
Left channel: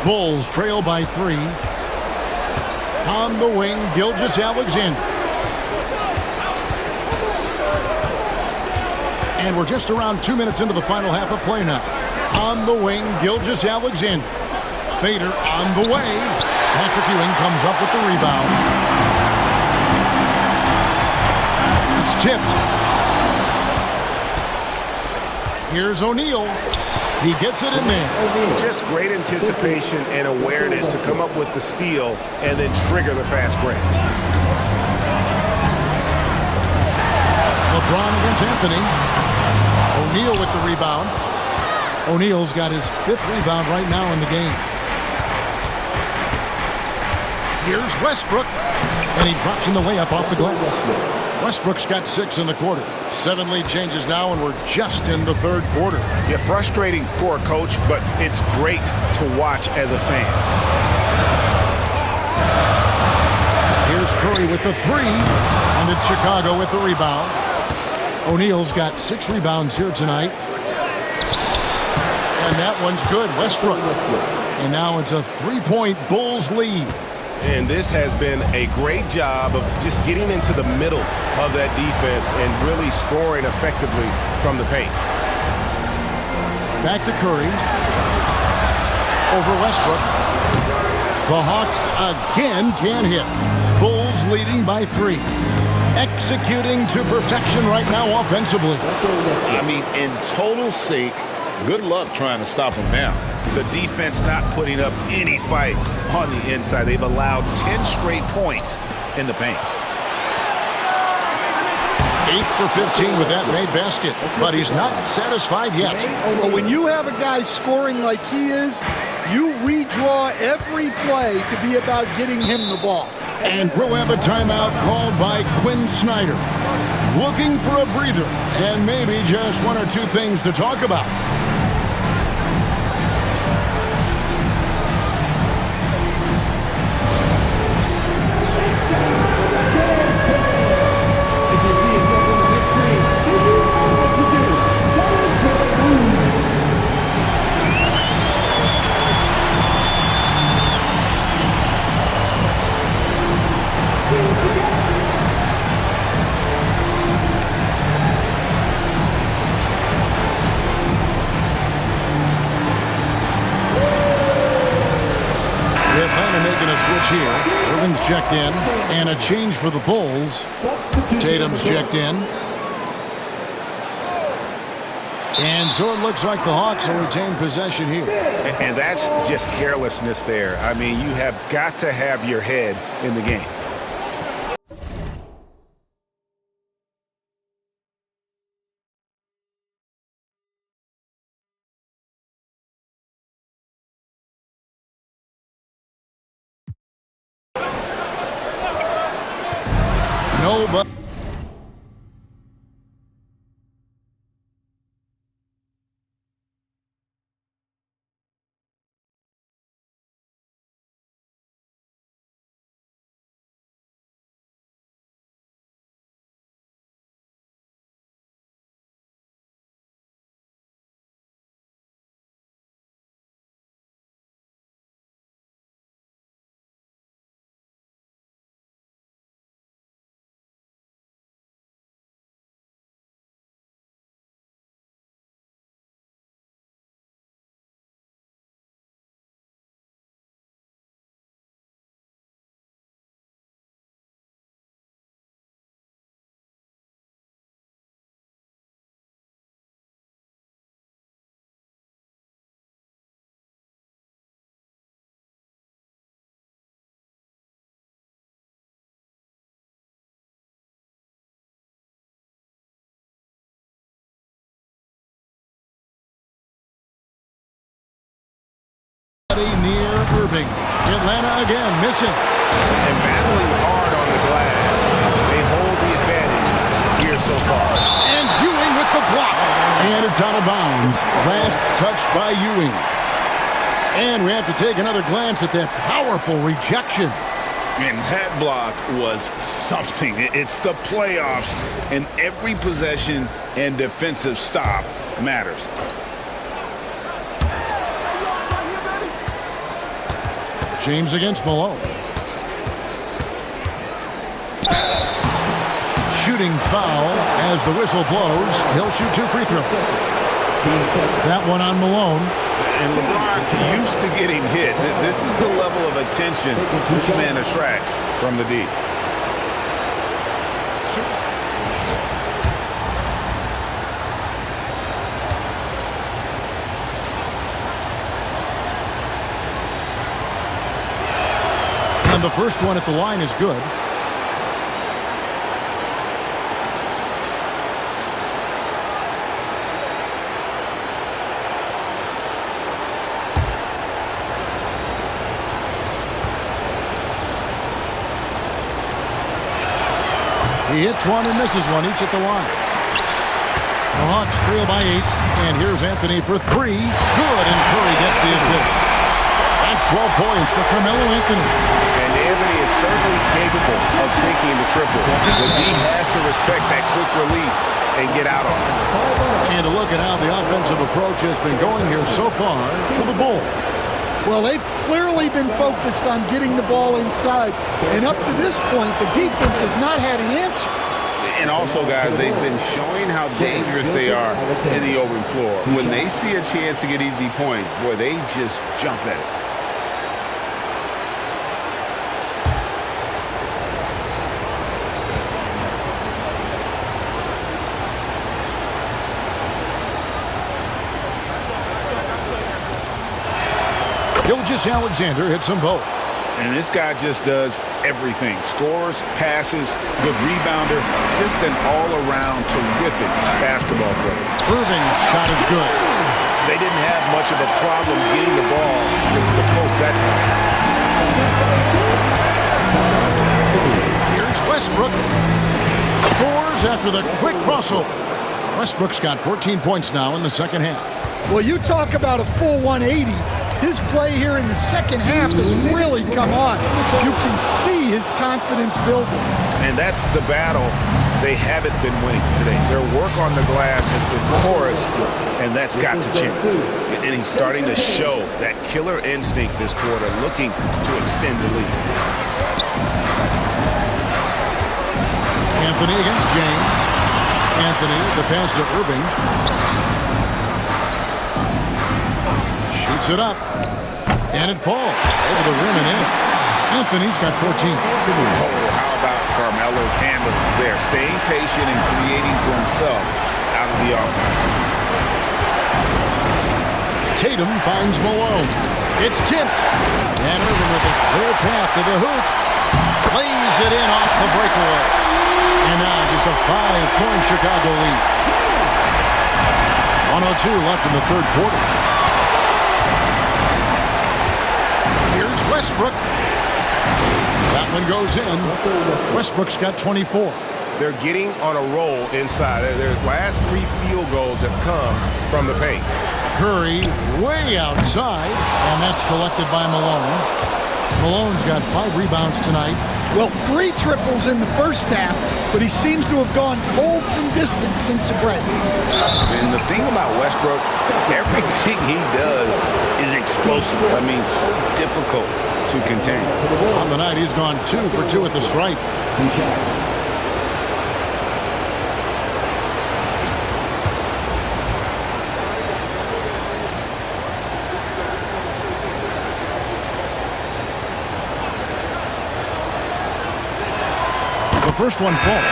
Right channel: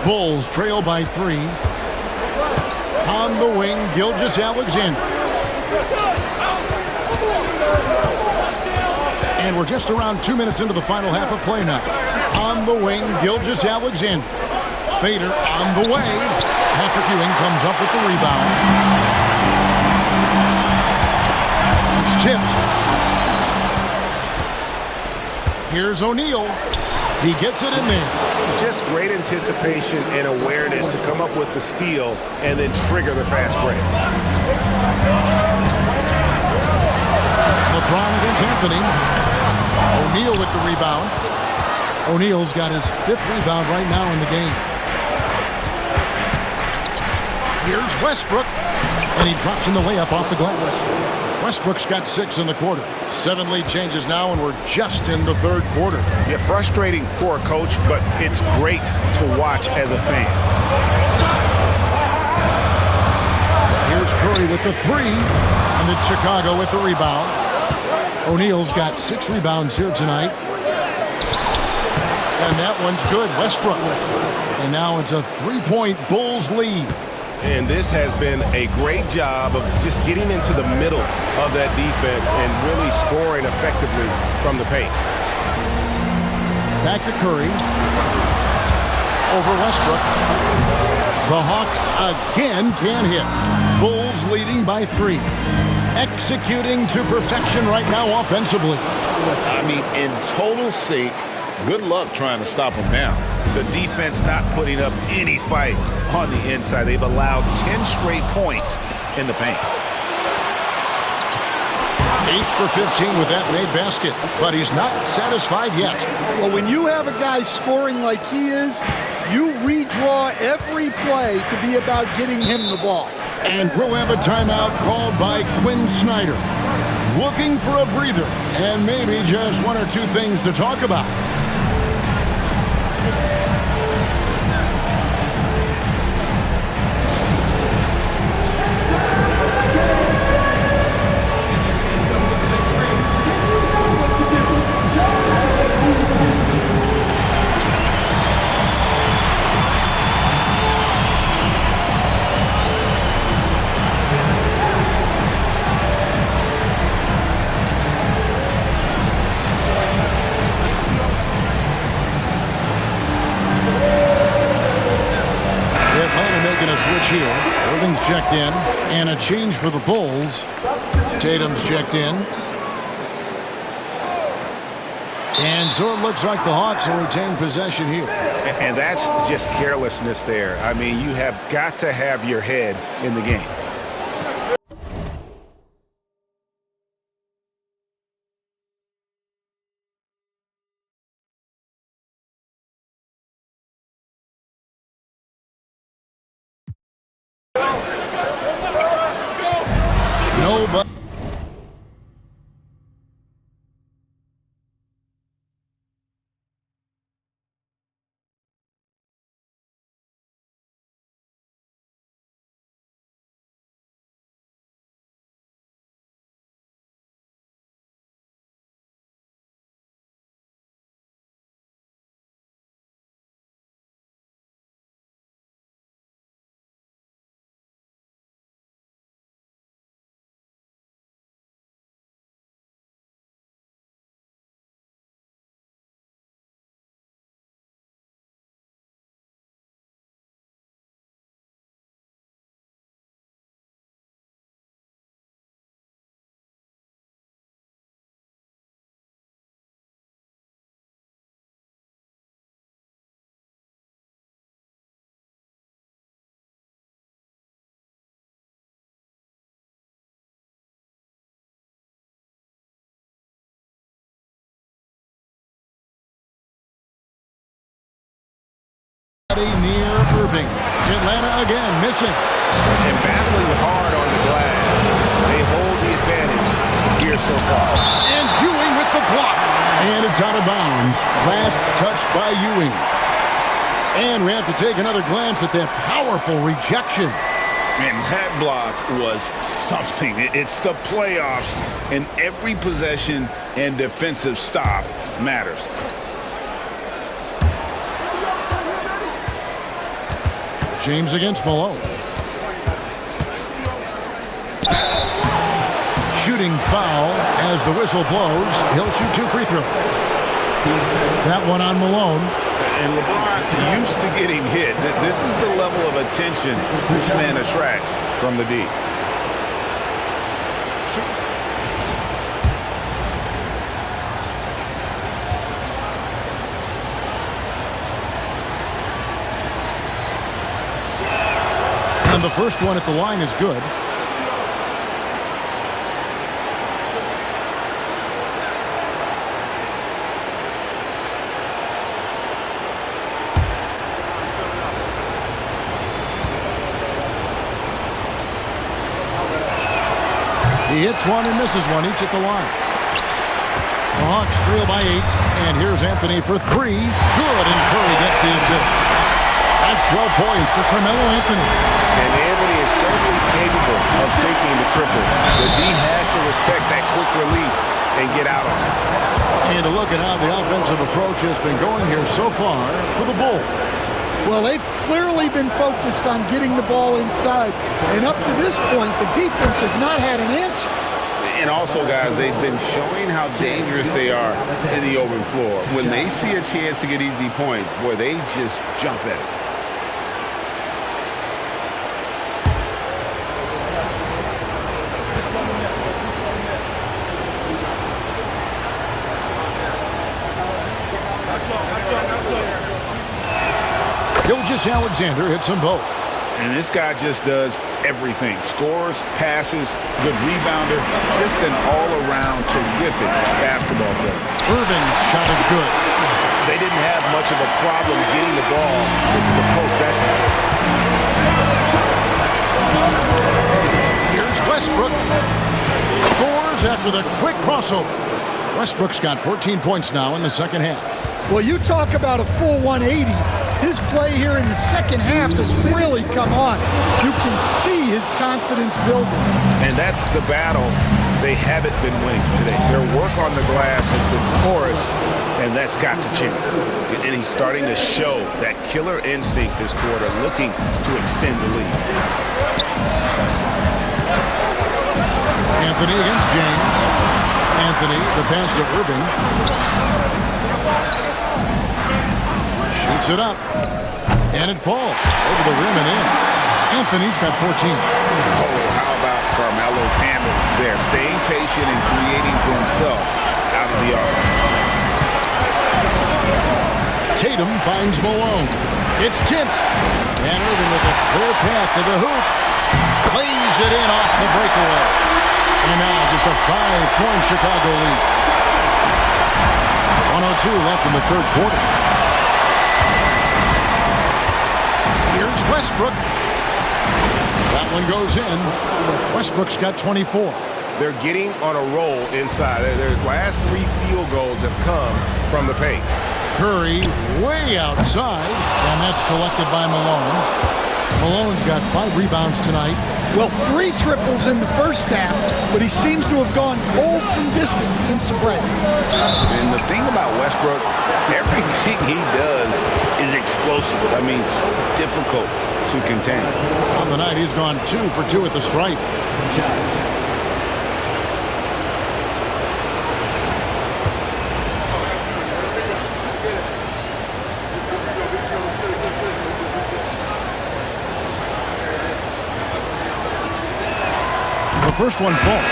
Bulls trail by 3. On the wing, Gilgeous-Alexander. And we're just around 2 minutes into the final half of play now. On the wing, Gilgeous-Alexander. Fader on the way. Patrick Ewing comes up with the rebound. It's tipped. Here's O'Neal. He gets it in there. Just great anticipation and awareness to come up with the steal and then trigger the fast break. LeBron against Anthony. O'Neal with the rebound. O'Neal's got his 5th rebound right now in the game. Here's Westbrook, and he drops in the layup off the glass. Westbrook's got 6 in the quarter. 7 lead changes now, and we're just in the third quarter. Yeah, frustrating for a coach, but it's great to watch as a fan. Here's Curry with the 3, and it's Chicago with the rebound. O'Neal's got 6 rebounds here tonight. And that one's good, Westbrook. And now it's a 3-point Bulls lead. And this has been a great job of just getting into the middle of that defense and really scoring effectively from the paint. Back to Curry. Over Westbrook. The Hawks again can't hit. Bulls leading by 3. Executing to perfection right now offensively. I mean, in total sync. Good luck trying to stop them now. The defense not putting up any fight on the inside. They've allowed 10 straight points in the paint. 8 for 15 with that made basket, but he's not satisfied yet. Well, when you have a guy scoring like he is, you redraw every play to be about getting him the ball. And we'll have a timeout called by Quinn Snyder. Looking for a breather and maybe just 1 or 2 things to talk about. Making a switch here. Irving's checked in, and a change for the Bulls. Tatum's checked in. And so it looks like the Hawks will retain possession here. And that's just carelessness there. I mean, you have got to have your head in the game. No, but near Irving. Atlanta again missing. And battling hard on the glass. They hold the advantage here so far. And Ewing with the block. And it's out of bounds. Last touch by Ewing. And we have to take another glance at that powerful rejection. And that block was something. It's the playoffs, and every possession and defensive stop matters. James against Malone. Shooting foul as the whistle blows. He'll shoot 2 free throws. That one on Malone. And LeBron used to getting hit. This is the level of attention this man attracts from the D. And the first one at the line is good. He hits one and misses one, each at the line. The Hawks trail by 8, and here's Anthony for 3. Good, and Curry gets the assist. That's 12 points for Carmelo Anthony. And Anthony is certainly capable of sinking the triple, but D has to respect that quick release and get out on it. And a look at how the offensive approach has been going here so far for the Bulls. Well, they've clearly been focused on getting the ball inside, and up to this point, the defense has not had an answer. And also, guys, they've been showing how dangerous they are in the open floor. When they see a chance to get easy points, boy, they just jump at it. Alexander hits them both. And this guy just does everything. Scores, passes, good rebounder. Just an all-around terrific basketball player. Irving's shot is good. They didn't have much of a problem getting the ball into the post that time. Here's Westbrook. Scores after the quick crossover. Westbrook's got 14 points now in the second half. Well, you talk about a full 180. His play here in the second half has really come on. You can see his confidence building. And that's the battle they haven't been winning today. Their work on the glass has been porous, and that's got to change. And he's starting to show that killer instinct this quarter, looking to extend the lead. Anthony against James. Anthony, the pass to Irving. Shoots it up. And it falls over the rim and in. Anthony's got 14. Oh, how about Carmelo's handle there? Staying patient and creating for himself out of the offense. Tatum finds Malone. It's tipped. And Irving with a clear path to the hoop. Plays it in off the breakaway. And now just a 5-point Chicago lead. 1:02 left in the third quarter. Here's Westbrook. That one goes in. Westbrook's got 24. They're getting on a roll inside. Their last 3 field goals have come from the paint. Curry way outside, and that's collected by Malone. Malone's got 5 rebounds tonight. Well, 3 triples in the first half, but he seems to have gone cold from distance since the break. And the thing about Westbrook, everything he does is explosive. I mean, so difficult to contain. On the night, he's gone 2 for 2 at the stripe. The first one falls.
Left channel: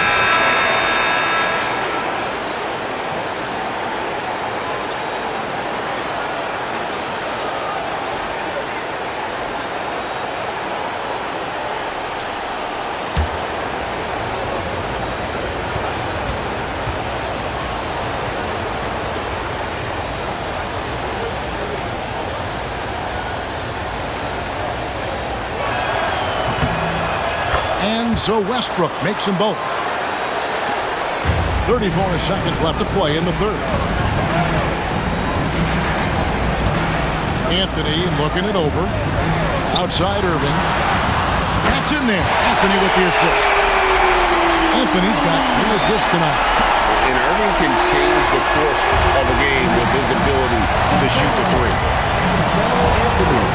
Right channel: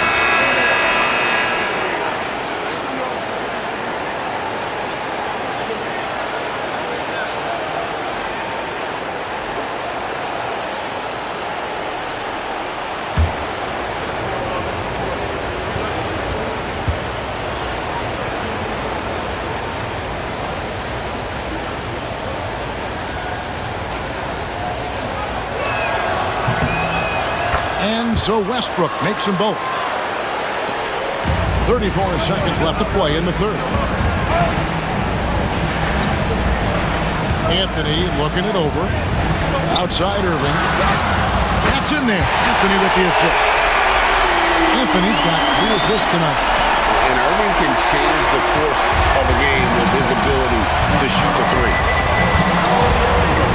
And so Westbrook makes them both. 34 seconds left to play in the third. Anthony looking it over. Outside Irving. That's in there. Anthony with the assist. Anthony's got 3 assists tonight. And Irving can change the course of a game with his ability to shoot the 3.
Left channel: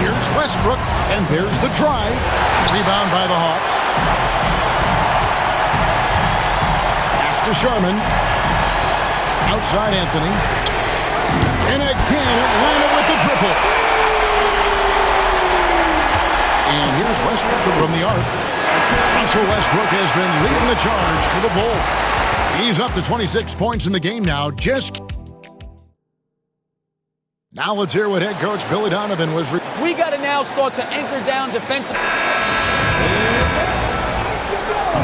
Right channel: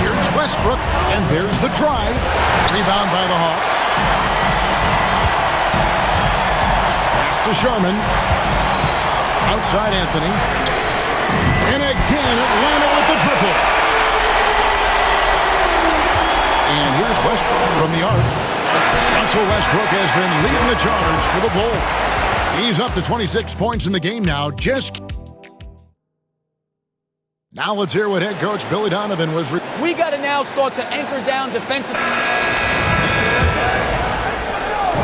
Here's Westbrook, and there's the drive. Rebound by the Hawks. Pass to Sharman. Outside Anthony. And again, Atlanta with the triple. And here's Westbrook from the arc. Russell Westbrook has been leading the charge for the Bulls. He's up to 26 points in the game now. Now let's hear what head coach Billy Donovan was. We got to now start to anchor down defensive.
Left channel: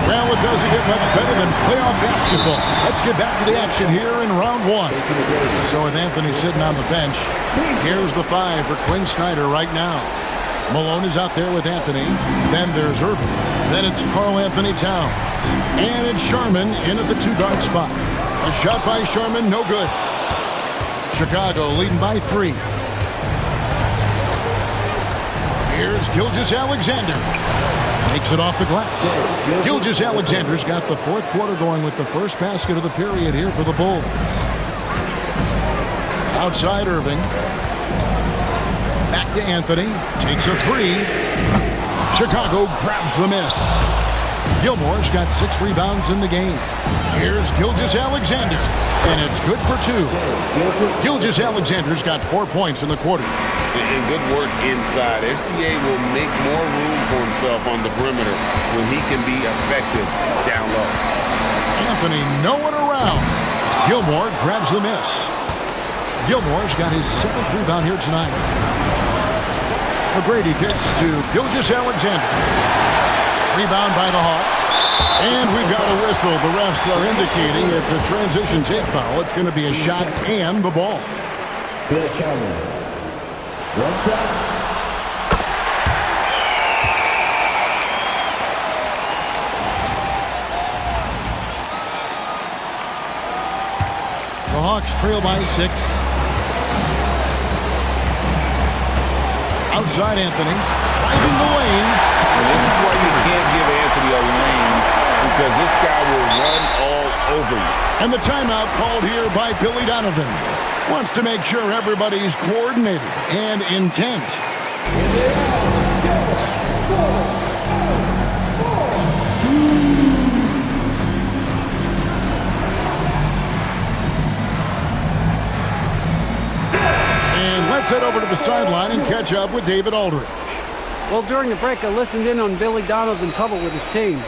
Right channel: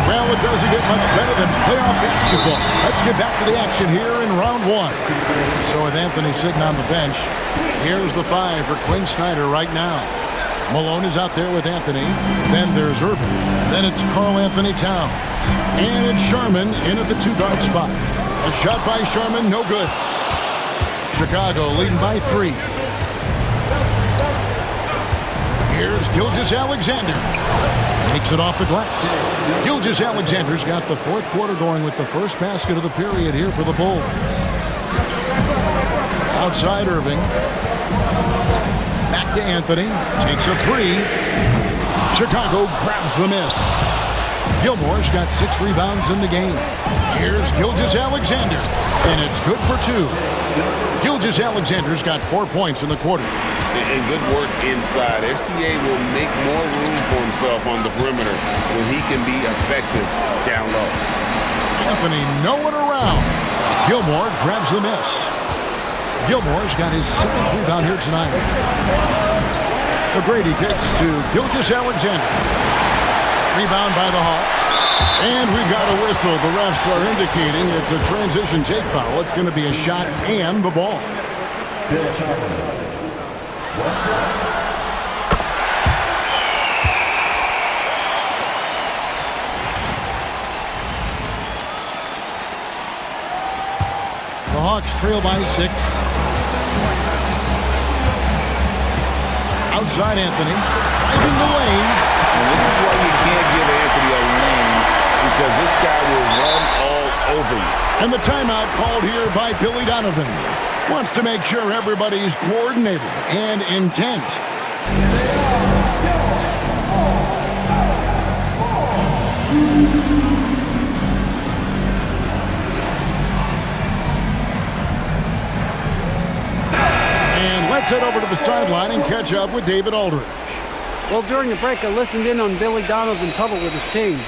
Well, it doesn't get much better than playoff basketball. Let's get back to the action here in round 1. So with Anthony sitting on the bench, here's the 5 for Quinn Snyder right now. Malone is out there with Anthony. Then there's Irving. Then it's Karl Anthony Towns. And it's Sherman in at the 2-guard spot. A shot by Sherman, no good. Chicago leading by 3. Here's Gilgeous-Alexander. Makes it off the glass. Gilgeous-Alexander's got the fourth quarter going with the first basket of the period here for the Bulls. Outside Irving. Back to Anthony. Takes a 3. Chicago grabs the miss. Gilmore's got 6 rebounds in the game. Here's Gilgeous-Alexander. And it's good for 2. Gilgeous-Alexander's got 4 points in the quarter. And good work inside. SGA will make more room for himself on the perimeter when he can be effective down low. Anthony nowhere around. Gilmore grabs the miss. Gilmore's got his 7th rebound here tonight. McGrady kicks to Gilgeous-Alexander. Rebound by the Hawks. And we've got a whistle. The refs are indicating it's a transition take foul. It's going to be a shot and the ball. The Hawks trail by 6. Outside Anthony, driving the lane. And this is why you can't give Anthony a lane, because this guy will run all over you. And the timeout called here by Billy Donovan. Wants to make sure everybody's coordinated and intent. And let's head over to the sideline and catch up with David Aldridge. Well, during the break, I listened in on Billy Donovan's huddle with his team.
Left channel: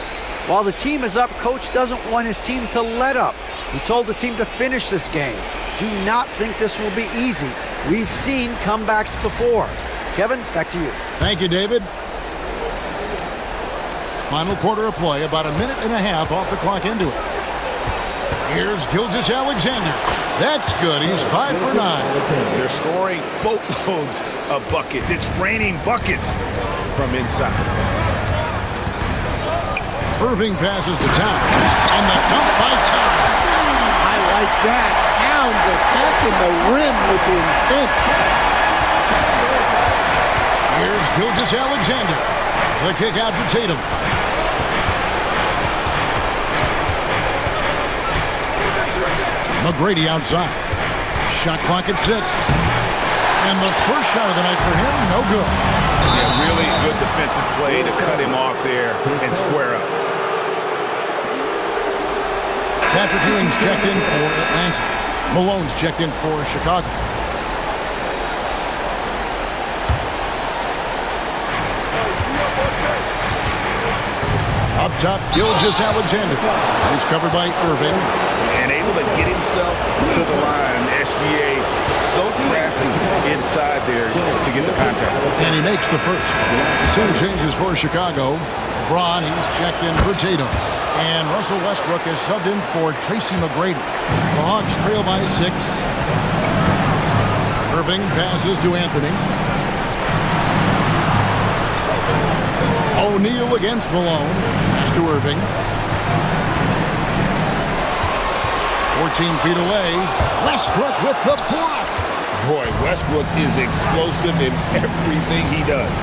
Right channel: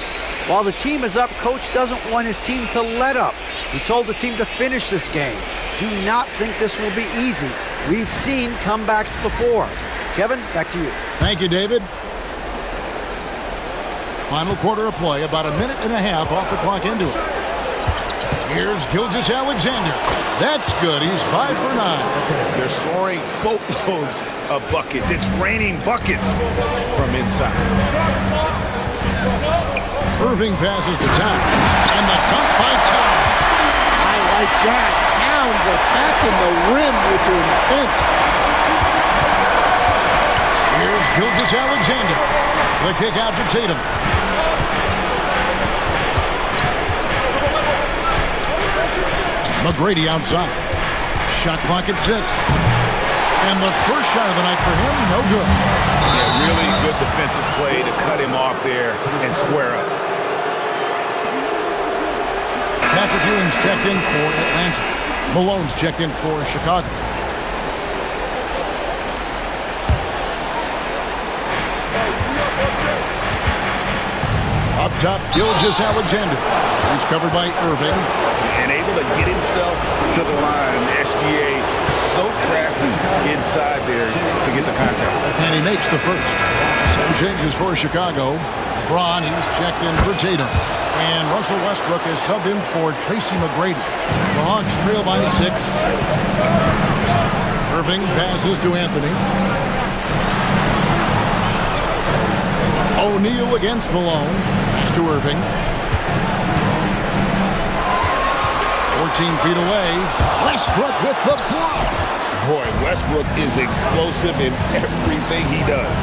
While the team is up, Coach doesn't want his team to let up. He told the team to finish this game. Do not think this will be easy. We've seen comebacks before. Kevin, back to you. Thank you, David. Final quarter of play, about a minute and a half off the clock into it. Here's Gilgeous-Alexander. That's good. He's 5 for 9. They're scoring boatloads of buckets. It's raining buckets from inside. Irving passes to Towns, and the dunk by Towns. I like that. Towns attacking the rim with intent. Here's Gilgeous-Alexander. The kick out to Tatum. McGrady outside. Shot clock at 6. And the first shot of the night for him, no good. Yeah, really good defensive play to cut him off there and square up. Patrick Ewing's checked in for Atlanta. Malone's checked in for Chicago. Up top, Gilgeous-Alexander. He's covered by Irving. And able to get himself to the line. SGA so crafty inside there to get the contact. And he makes the first. 7 changes for Chicago. Bron, he's checked in for Tatum. And Russell Westbrook is subbed in for Tracy McGrady. The Hawks trail by 6. Irving passes to Anthony. O'Neal against Malone. Pass to Irving. 14 feet away. Westbrook with the block. Boy, Westbrook is explosive in everything he does.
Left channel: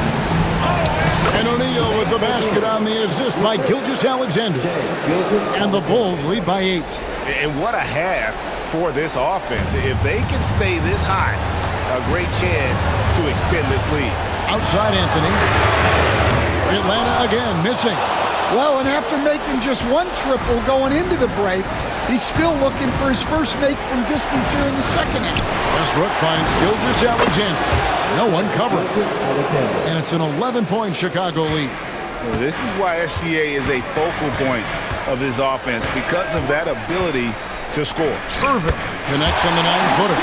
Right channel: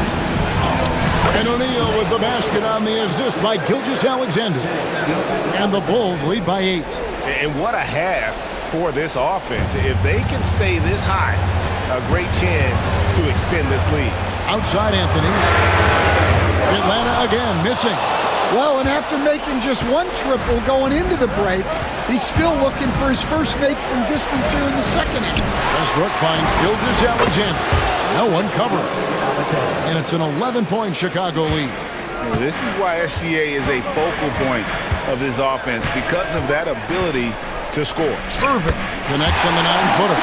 And O'Neal with the basket on the assist by Gilgeous-Alexander. And the Bulls lead by 8. And what a half for this offense. If they can stay this high, a great chance to extend this lead. Outside Anthony. Atlanta again missing. Well, and after making just 1 triple going into the break, he's still looking for his first make from distance here in the second half. Westbrook finds Gilgeous-Alexander. No one covering. And it's an 11-point Chicago lead. This is why SGA is a focal point of this offense, because of that ability to score. Irving connects on the 9-footer.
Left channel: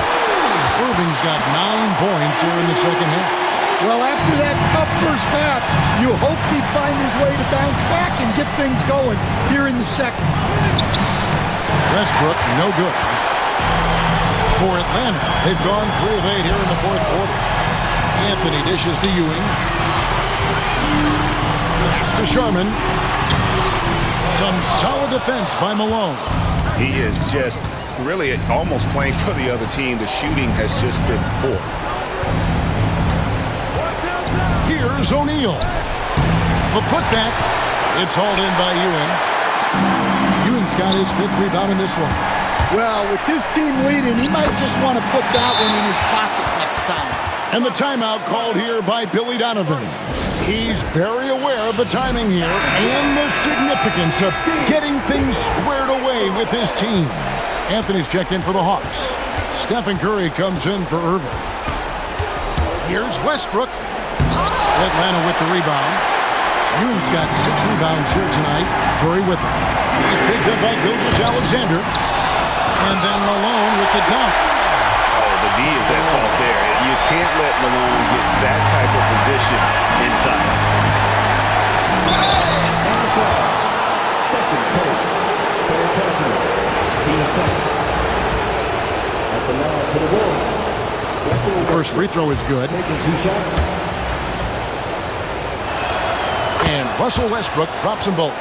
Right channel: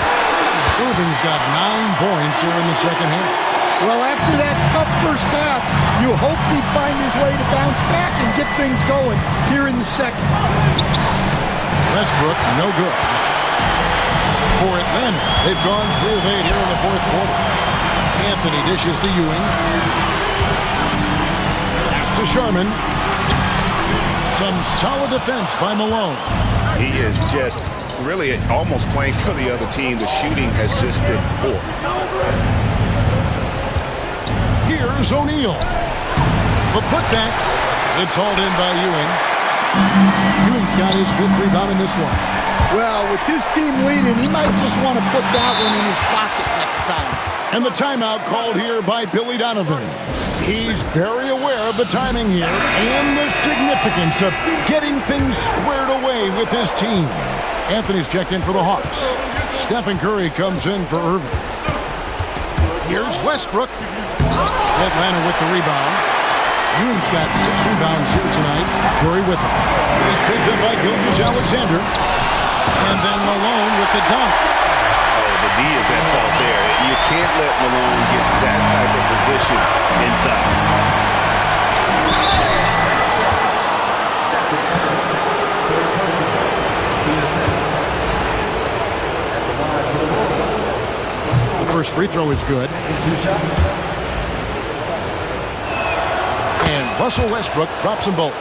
Irving's got 9 points here in the second half. Well, after that tough first half, you hoped he'd find his way to bounce back and get things going here in the second. Westbrook, no good. For Atlanta, they've gone 3 of 8 here in the fourth quarter. Anthony dishes to Ewing. Pass to Sherman. Some solid defense by Malone. He is just really almost playing for the other team. The shooting has just been poor. Here's O'Neal. The putback. It's hauled in by Ewing. Ewing's got his 5th rebound in this one. Well, with his team leading, he might just want to put that one in his pocket next time. And the timeout called here by Billy Donovan. He's very aware of the timing here and the significance of getting things squared away with his team. Anthony's checked in for the Hawks. Stephen Curry comes in for Irving. Here's Westbrook. Atlanta with the rebound. Ewing's got 6 rebounds here tonight. Curry with him. He's picked up by Gilgeous-Alexander. And then Malone with the dunk. Oh, the D is at fault there. You can't let Malone get that type of position inside. The first free throw is good. And Russell Westbrook drops them both.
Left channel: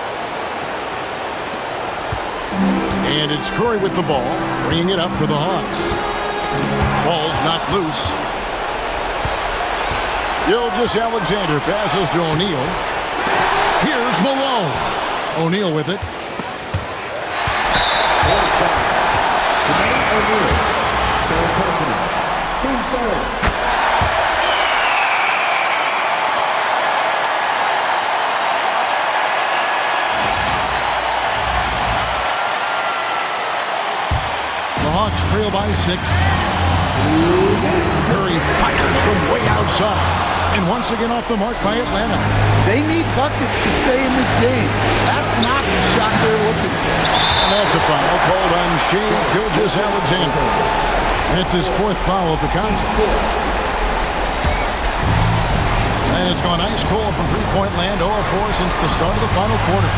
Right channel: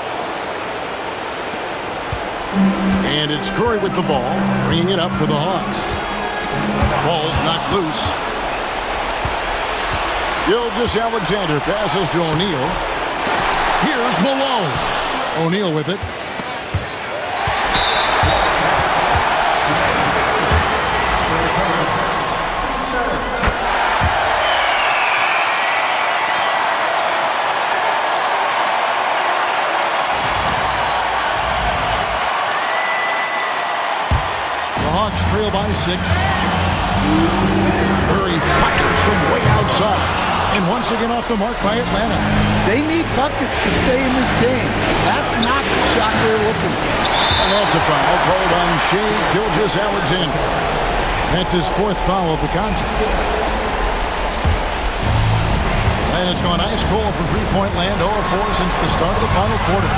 And it's Curry with the ball, bringing it up for the Hawks. Ball's knocked loose. Gilgeous-Alexander passes to O'Neal. Here's Malone. O'Neal with it. The Hawks trail by 6. Curry fires from way outside. And once again off the mark by Atlanta. They need buckets to stay in this game. That's not the shot they're looking for. And that's a foul called on Shai Gilgeous-Alexander. That's his 4th foul of the contest. Atlanta's gone ice cold from three-point land, 0 of 4 since the start of the final quarter.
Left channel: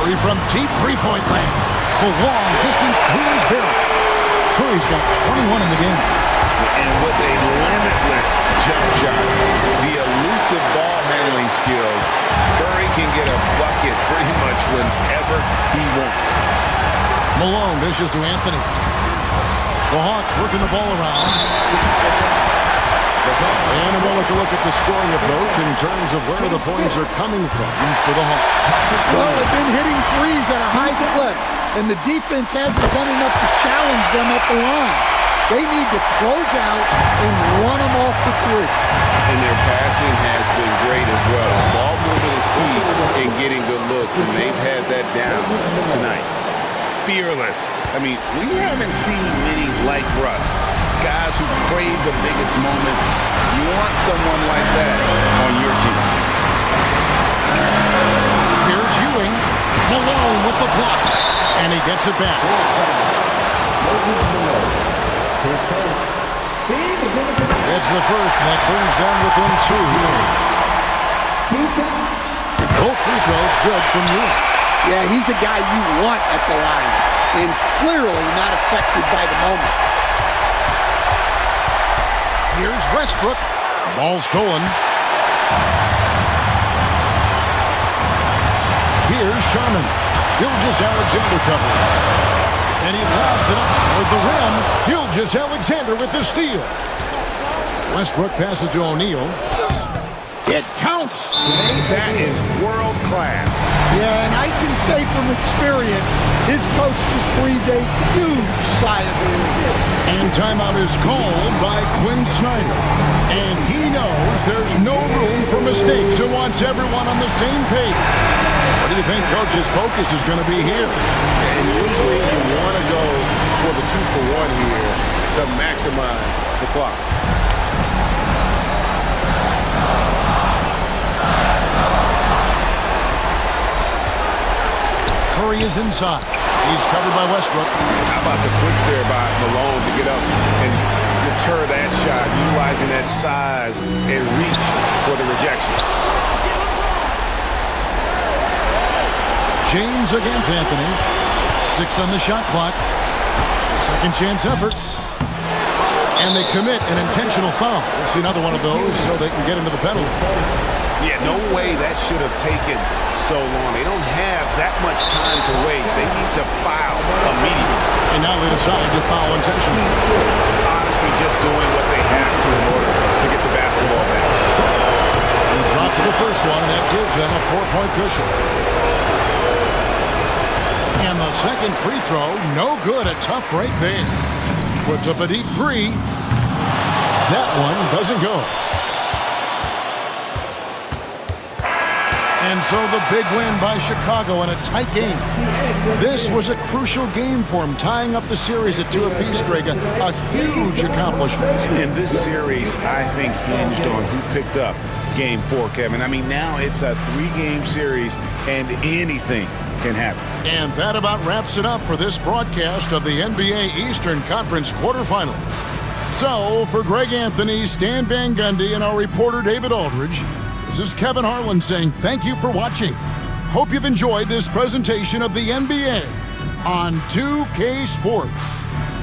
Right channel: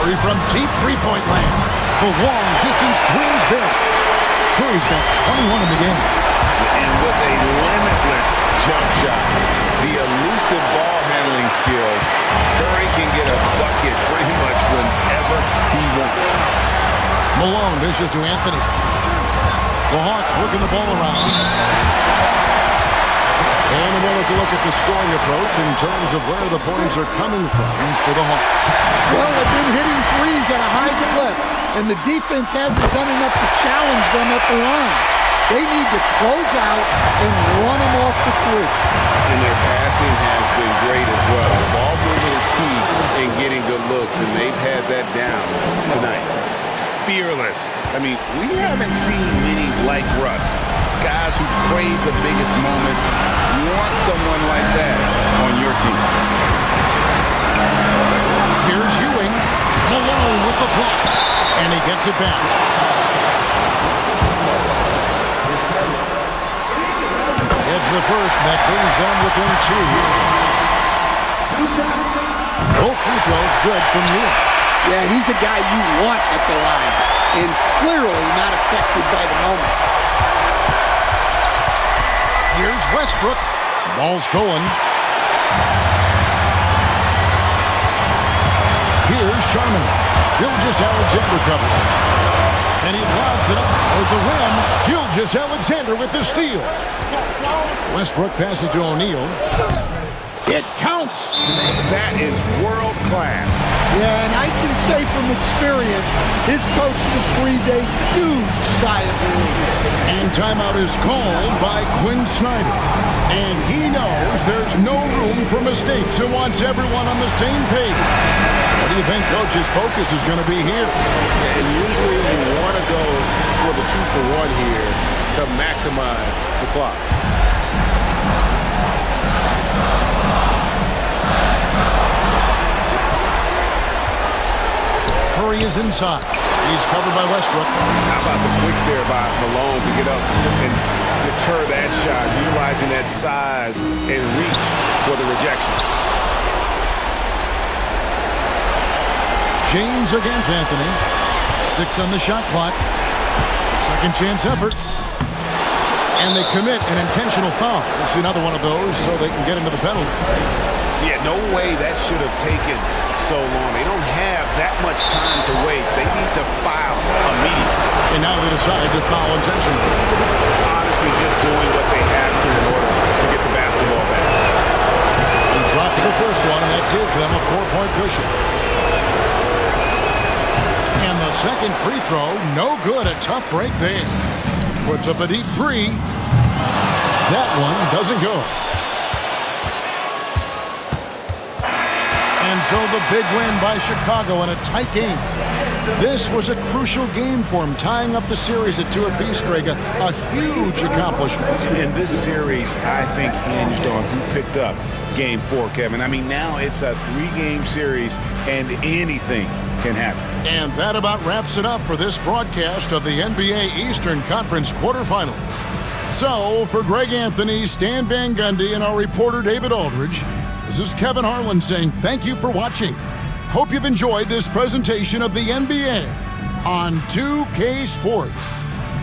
Curry from deep three-point land. The long distance 3 is buried. Curry's got 21 in the game. And with a limitless jump shot, the elusive ball handling skills, Curry can get a bucket pretty much whenever he wants. Malone dishes to Anthony. The Hawks working the ball around. And a moment to look at the scoring approach in terms of where the points are coming from for the Hawks. Well, they've been hitting threes at a high clip, and the defense hasn't done enough to challenge them at the line. They need to close out and run them off the 3. And their passing has been great as well. Ball movement is key in getting good looks, and they've had that down tonight. Fearless. I mean, we haven't seen many like Russ. Guys who crave the biggest moments. You want someone like that on your team. Here's Ewing. Malone with the block. And he gets it back. It's the first, and that brings them within 2 here. Both free throws good from Ewing. Yeah, he's a guy you want at the line, and clearly not affected by the moment. Here's Westbrook. Ball stolen. Here's Sharman. Gilgeous-Alexander covering. And he lobs it up toward the rim. Gilgeous-Alexander with the steal. Westbrook passes to O'Neal. It counts. That is world class. Yeah, and I can say from experience, his coach just breathed a huge sigh of relief. And timeout is called by Quinn Snyder. And he knows there's no room for mistakes and wants everyone on the same page. What do you think Coach's focus is going to be here? And usually you want to go for the 2-for-1 here to maximize the clock. Curry is inside. He's covered by Westbrook. How about the quicks there by Malone to get up and deter that shot, utilizing that size and reach for the rejection. James against Anthony. 6 on the shot clock. A second chance effort. And they commit an intentional foul. We'll see another one of those so they can get into the penalty. Yeah, no way that should have taken so long. They don't have that much time to waste. They need to foul immediately. And now they decide to foul intentionally. Honestly, just doing what they have to in order to get the basketball back. He drops the first one, and that gives them a 4-point cushion. And the second free throw, no good. A tough break there. Puts up a deep three. That one doesn't go. And so the big win by Chicago in a tight game. This was a crucial game for him, tying up the series at 2 apiece, Greg. A huge accomplishment. In this series, I think, hinged on who picked up Game 4, Kevin. I mean, now it's a 3-game series, and anything can happen. And that about wraps it up for this broadcast of the NBA Eastern Conference quarterfinals. So, for Greg Anthony, Stan Van Gundy, and our reporter David Aldridge, this is Kevin Harlan saying thank you for watching. Hope you've enjoyed this presentation of the NBA on 2K Sports.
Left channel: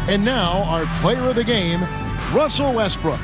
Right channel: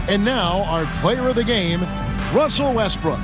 And now, our player of the game, Russell Westbrook.